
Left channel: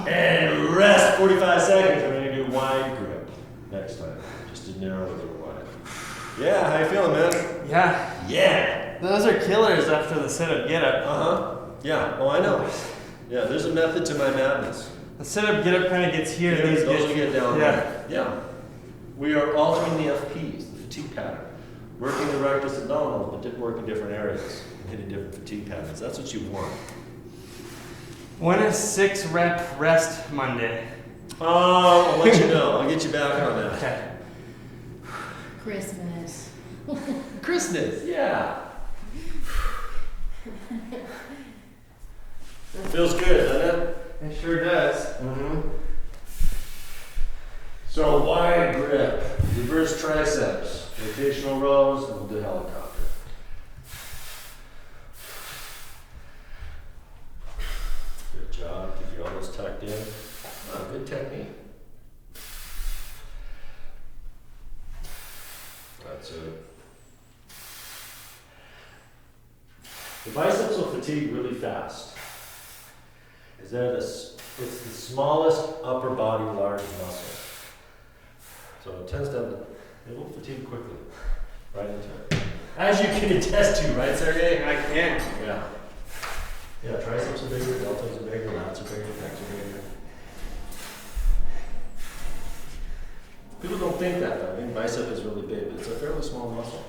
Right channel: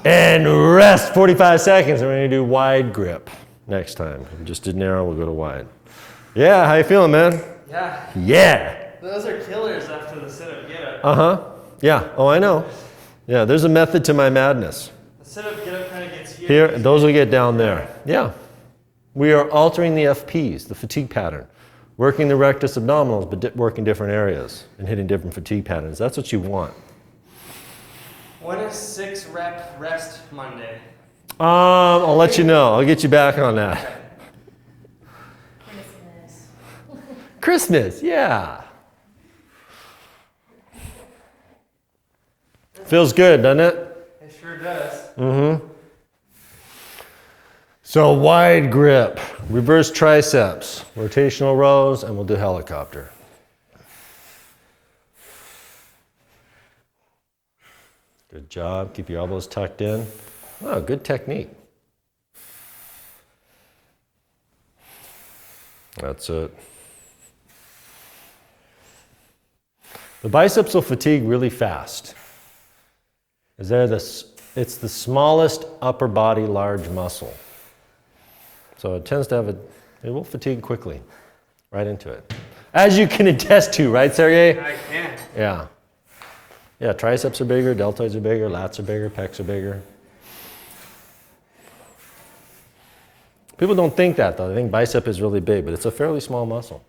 And rest 45 seconds. We're going to do wide grip next time. Just did narrow, we'll go to wide. Yeah, how you feeling, man? Yeah. Yeah. Those are killers after the sit-up get-up. Uh-huh. Yeah. Oh, I know. Yeah, there's a method to my madness. The sit-up get-up kind of gets here. Here, those will get down there. Yeah. We are altering the FPs, the fatigue pattern. Working the rectus abdominals, but working different areas and hitting different fatigue patterns. That's what you want. When is 6-rep rest Monday? I'll let you know. I'll get you back on that. Okay. Christmas. Christmas, yeah. Feels good, doesn't it? It sure does. Mm-hmm. So wide grip, reverse triceps, rotational rows, and we'll do helicopter. Good job. Keep your elbows tucked in. Oh, good technique. That's it. The biceps will fatigue really fast. It's the smallest upper body large muscle. So it tends to have it will fatigue quickly, right into it. As you can attest to, right, Sergey? I can. Yeah. Yeah, triceps are bigger, deltoids are bigger, lats are bigger, pecs are bigger. People don't think that though. They think bicep is really big, but it's a fairly small muscle.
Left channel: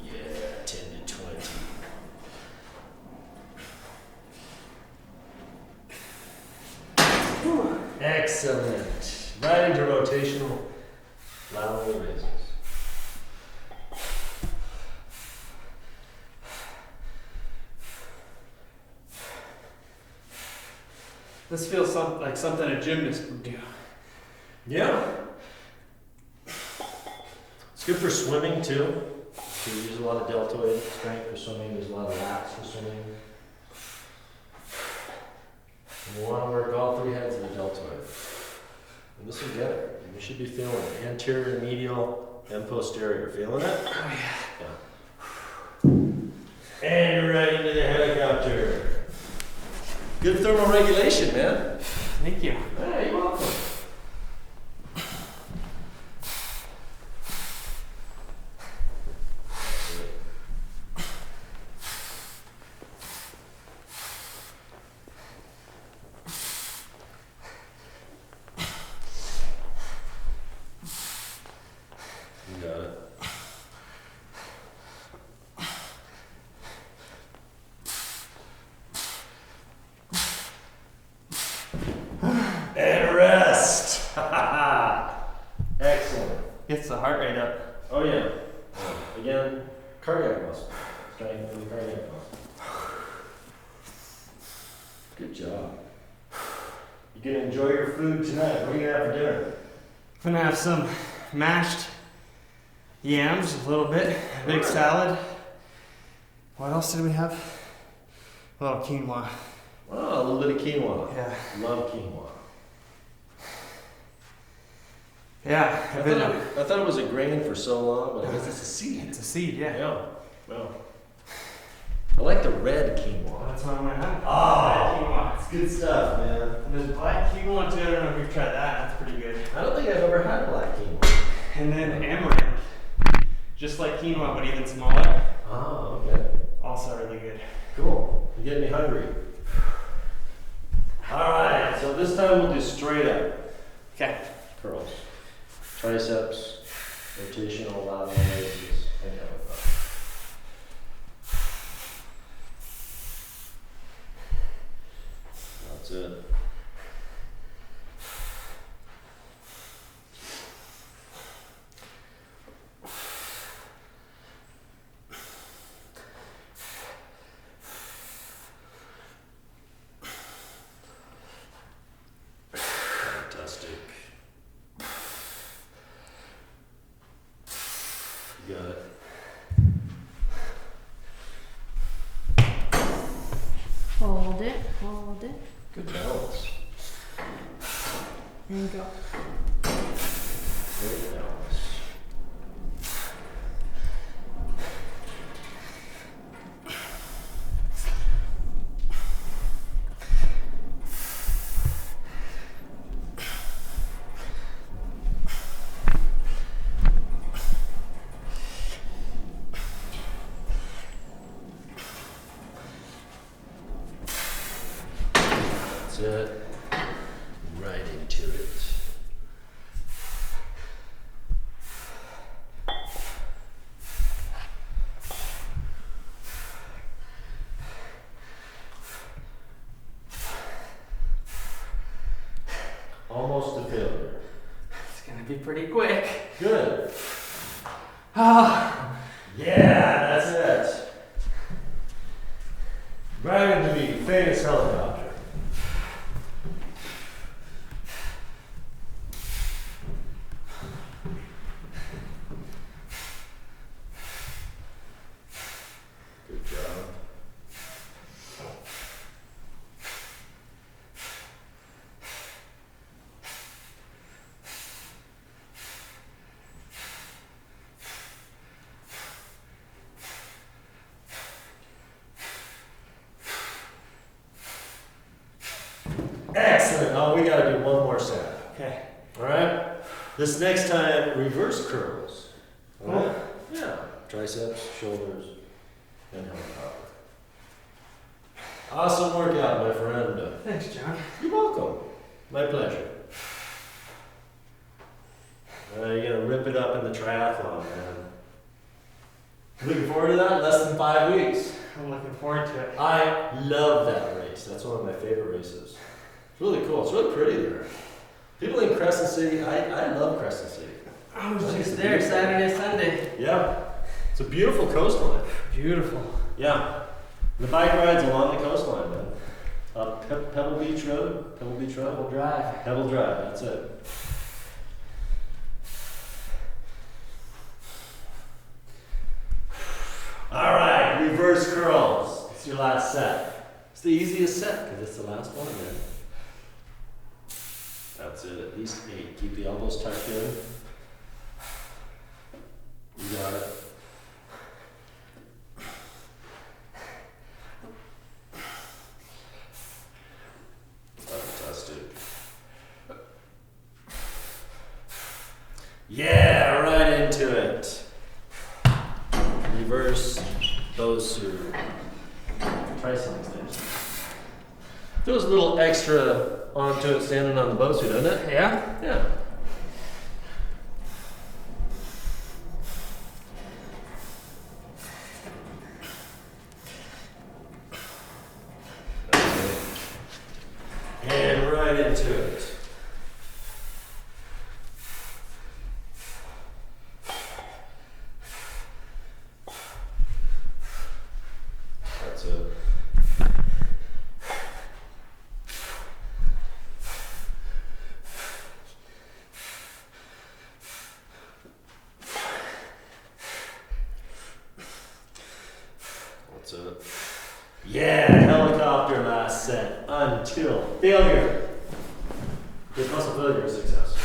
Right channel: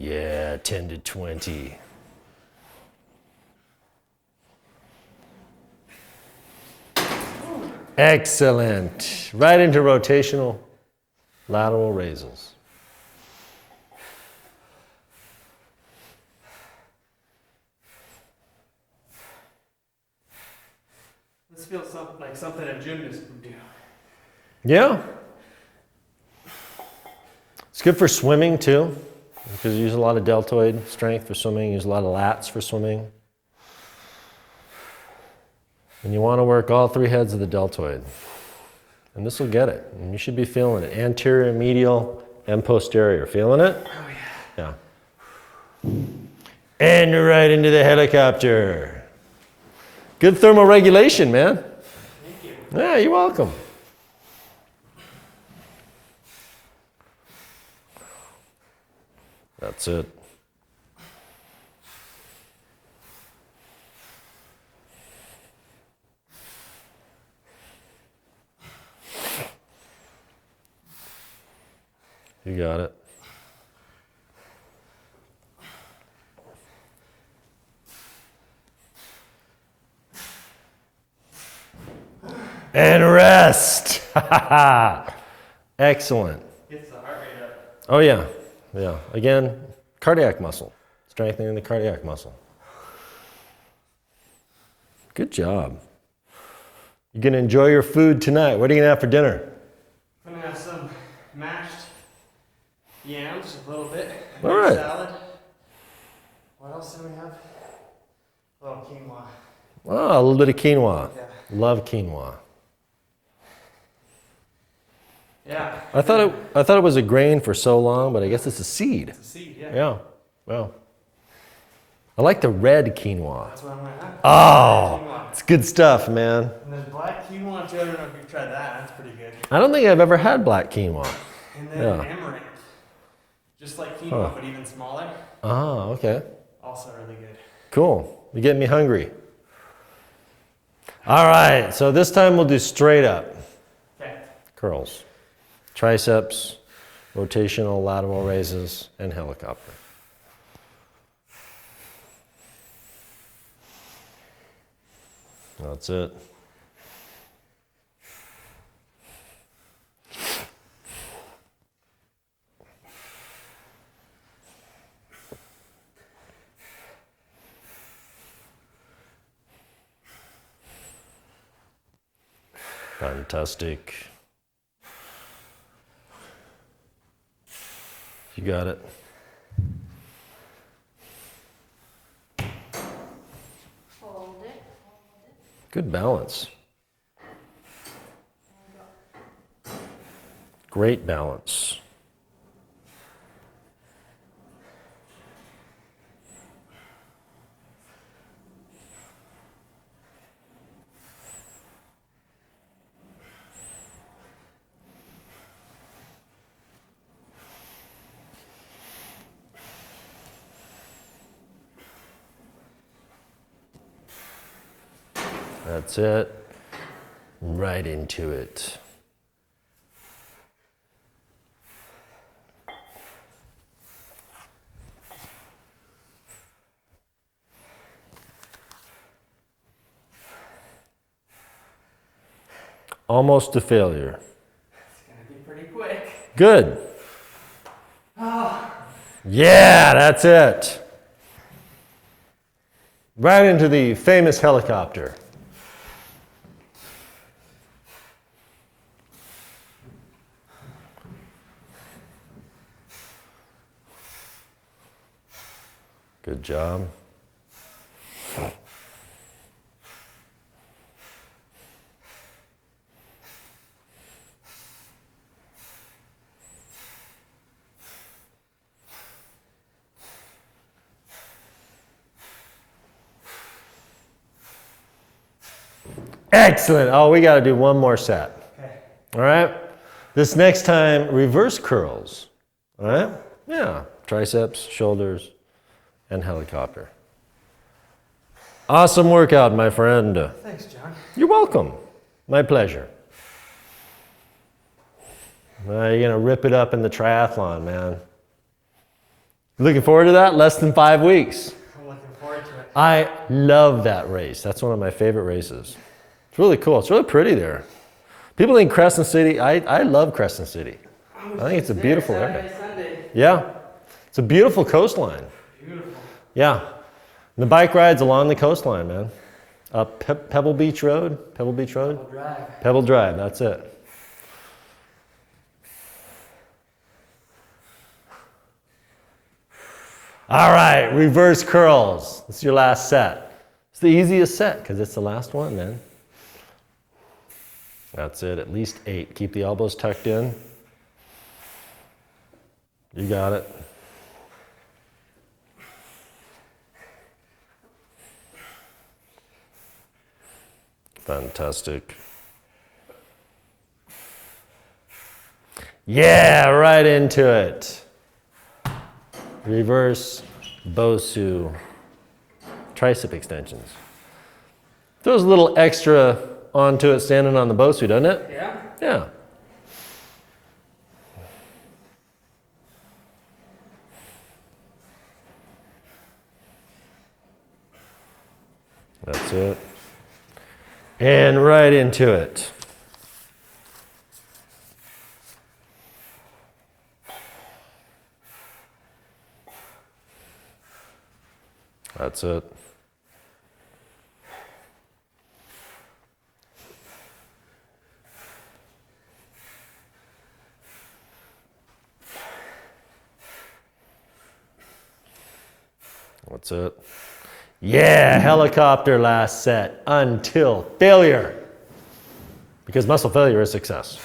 Yeah, 10 to 20. Excellent. Right into rotational lateral raises. This feels like something a gymnast would do. Yeah. It's good for swimming too, because you use a lot of deltoid strength for swimming, use a lot of lats for swimming. And you want to work all three heads of the deltoid. And this will get it. And you should be feeling it. Anterior, medial, and posterior. Feeling it? Oh, yeah. Yeah. And right into the helicopter. Good thermal regulation, man. Thank you. Yeah, you're welcome. That's it. You got it. And rest. Excellent. Gets the heart rate up. Oh yeah. Yeah. Again, cardiac muscle. Strengthening the cardiac muscle. Good job. You're gonna enjoy your food tonight. What are you gonna have for dinner? I'm gonna have some mashed yams, a little bit, All egg right. salad. What else did we have? A little quinoa. Oh, a little bit of quinoa. Yeah. Love quinoa. Yeah. I thought it was a grain for so long, but I guess it's a seed. It's a seed, yeah. Yeah. Wow. I like the red quinoa. That's what I'm gonna have. Oh, Quinoa. it's good stuff, man. And there's black quinoa too. I don't know if you've tried that. That's pretty good. I don't think I've ever had black quinoa. And then Yeah. amaranth. Just like quinoa, Oh. but even smaller. Oh, okay. Also really good. Cool. You're getting me hungry. All right, so this time we'll do straight up Okay. curls. Triceps, rotational lateral raises, and helicopter. That's it. Fantastic. You got it. Hold it, hold it, Good balance. and go. Great balance. That's it. Right into it. Almost a failure. It's gonna be pretty quick. Good. Ah. Yeah, that's it. Right into the famous helicopter. Good job. Excellent. Oh, we got to do one more set. Okay. All right. This next time, reverse curls. All right. Yeah. Triceps, shoulders, and helicopter. Awesome workout, my friend. Thanks, John. You're welcome. My pleasure. You're going to rip it up in the triathlon, man. Looking forward to that? Less than 5 weeks. I'm looking forward to it. I love that race. That's one of my favorite races. It's really cool. It's really pretty there. People think Crescent City, I love Crescent City. I think it's a beautiful area. Saturday, Sunday. Yeah. It's a beautiful coastline. Beautiful. Yeah. The bike rides along the coastline, man. Up Pebble Beach Road. Pebble Beach Road? We'll drive. Pebble Drive, that's it. All right, reverse curls. It's your last set. It's the easiest set because it's the last one, man. That's it, at least 8. Keep the elbows tucked in. You got it. Fantastic. Yeah, right into it. Reverse Bosu tricep extension. Throws a little extra onto it standing on the Bosu, doesn't it? Yeah? Yeah. That's it. And right into it. That's it. That's it. Yeah, helicopter last set until failure. Because muscle failure is success.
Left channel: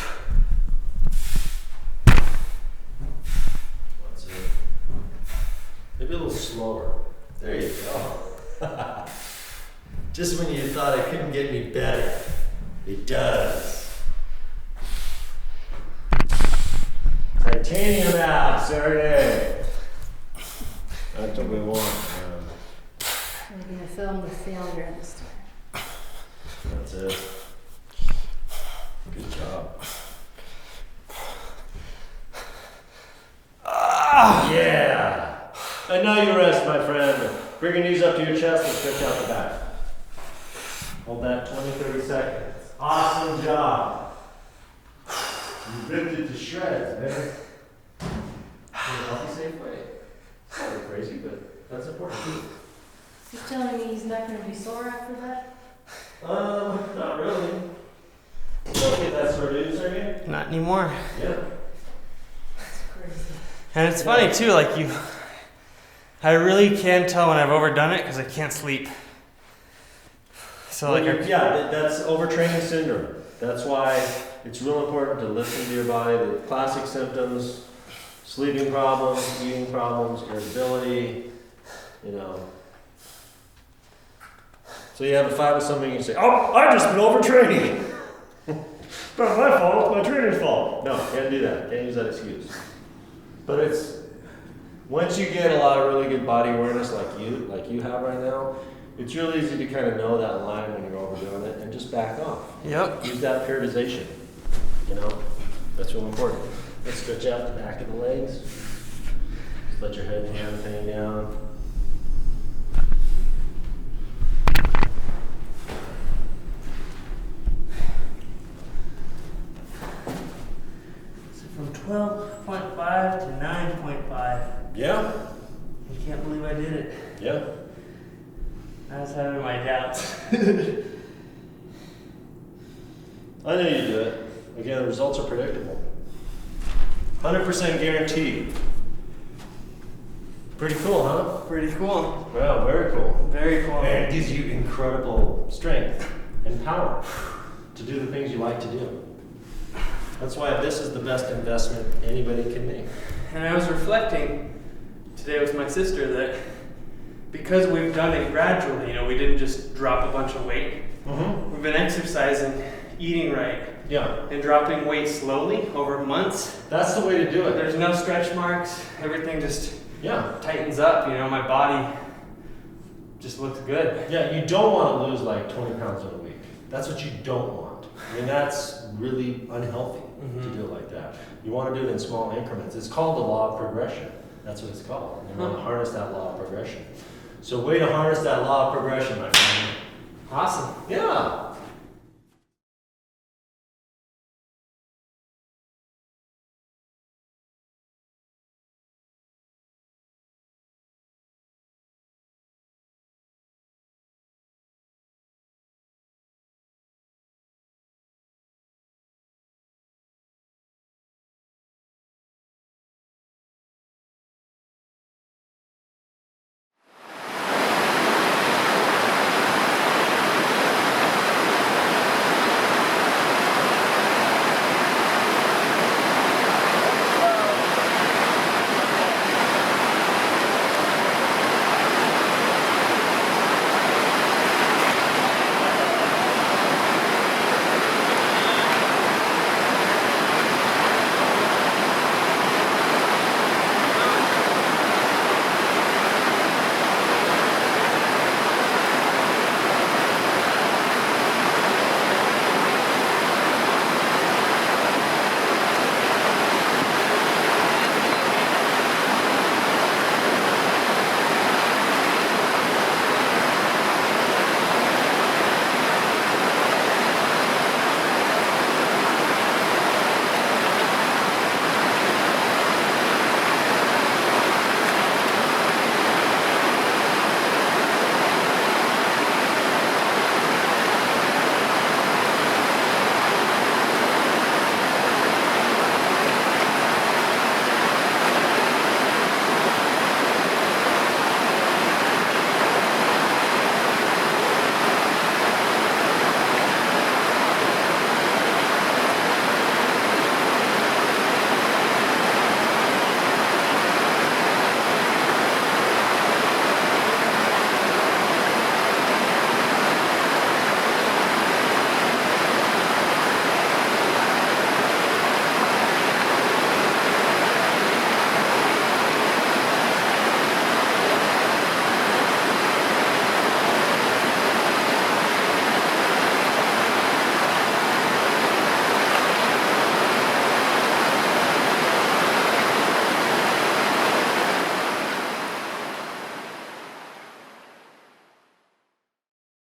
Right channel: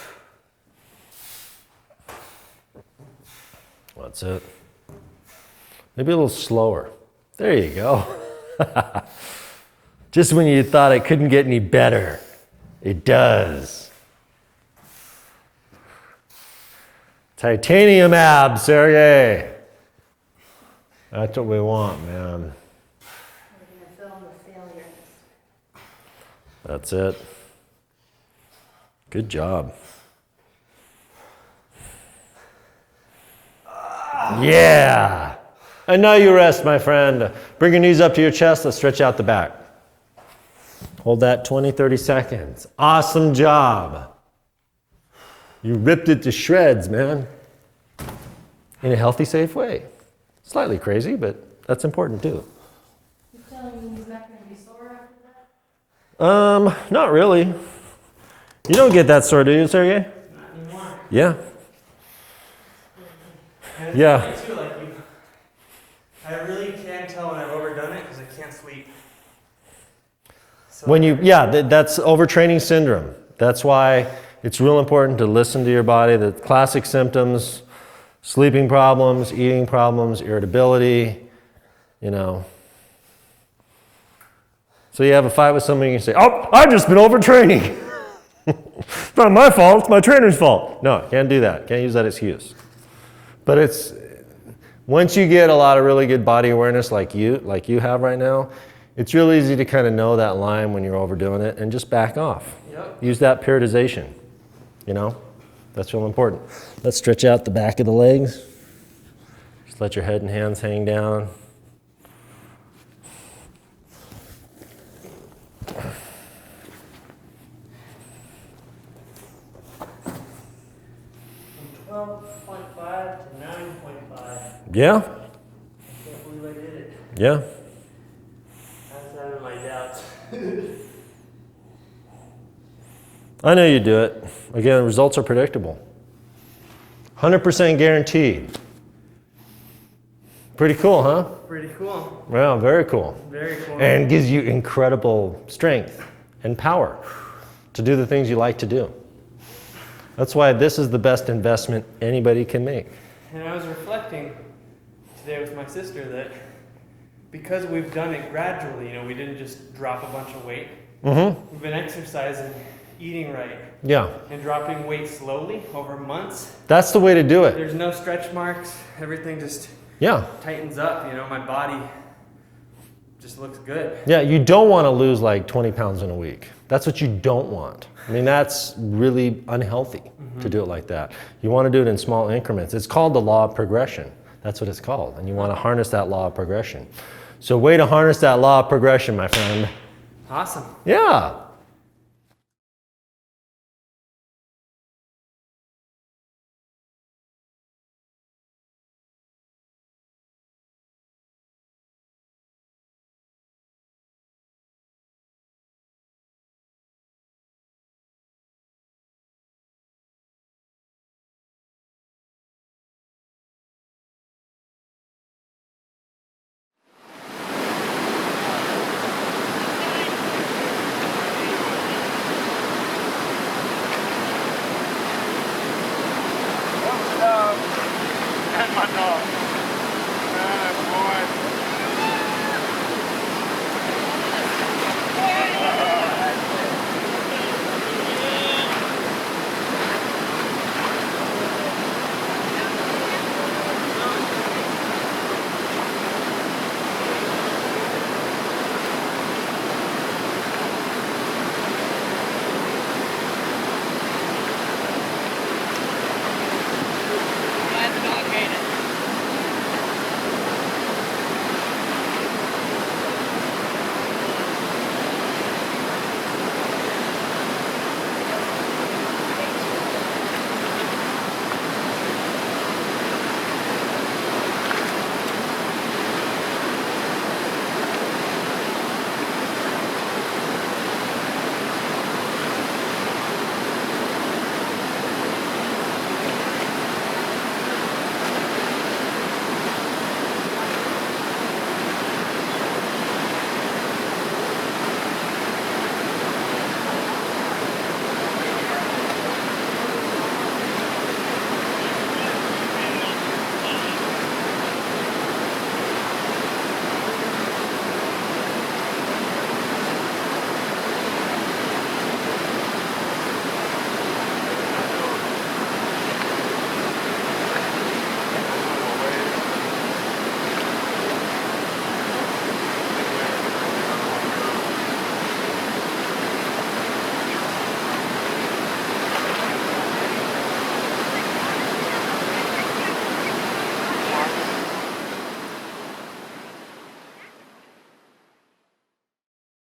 That's it. Maybe a little slower. There you go. Just when you thought it couldn't get any better, it does. Titanium abs, Sergey. That's what we want, man. We're gonna film the failure this time. That's it. Good job. Yeah. And now you rest, my friend. Bring your knees up to your chest. Let's stretch out the back. Hold that 20, 30 seconds. Awesome job. You ripped it to shreds, man. In a healthy, safe way. Slightly crazy, but that's important to do. He's telling me he's not gonna be sore after that? Not really. You don't get that sore, do you, Sergey? Not anymore. Yeah. And it's Yeah. funny too, like I really can tell when I've overdone it because I can't sleep. So When like you, that's overtraining syndrome. That's why it's real important to listen to your body. The classic symptoms, sleeping problems, eating problems, irritability, you know. So you have a fight with somebody and you say, oh, I've just been overtraining. It's not my fault, it's my trainer's fault. No, can't do that. Can't use that excuse. But it's, once you get a lot of really good body awareness like you have right now, it's real easy to kind of know that line when you're overdoing it and just back off. Yep. Use that periodization, you know? That's real important. Let's stretch out the back of the legs. Just let your head and hands hang down. From 12.5 to 9.5. Yeah? I can't believe I did it. Yeah. I was having my doubts. I know you do it. Again, the results are predictable. 100% guaranteed. Pretty cool, huh? Pretty cool. Yeah, very cool. Very cool. And gives you incredible strength and power to do the things you like to do. That's why this is the best investment anybody can make. And I was reflecting today with my sister that because we've done it gradually, you know, we didn't just drop a bunch of weight. Mm-hmm. We've been exercising, eating right, Yeah. and dropping weight slowly over months. That's the way to do it. There's no stretch marks. Everything just Yeah. tightens up. You know, my body just looks good. Yeah, you don't want to lose like 20 pounds in a week. That's what you don't want. I mean, that's really unhealthy to do it like that. You want to do it in small increments. It's called the law of progression. That's what it's called. And you want to harness that law of progression. So way to harness that law of progression, my friend. Awesome. Yeah.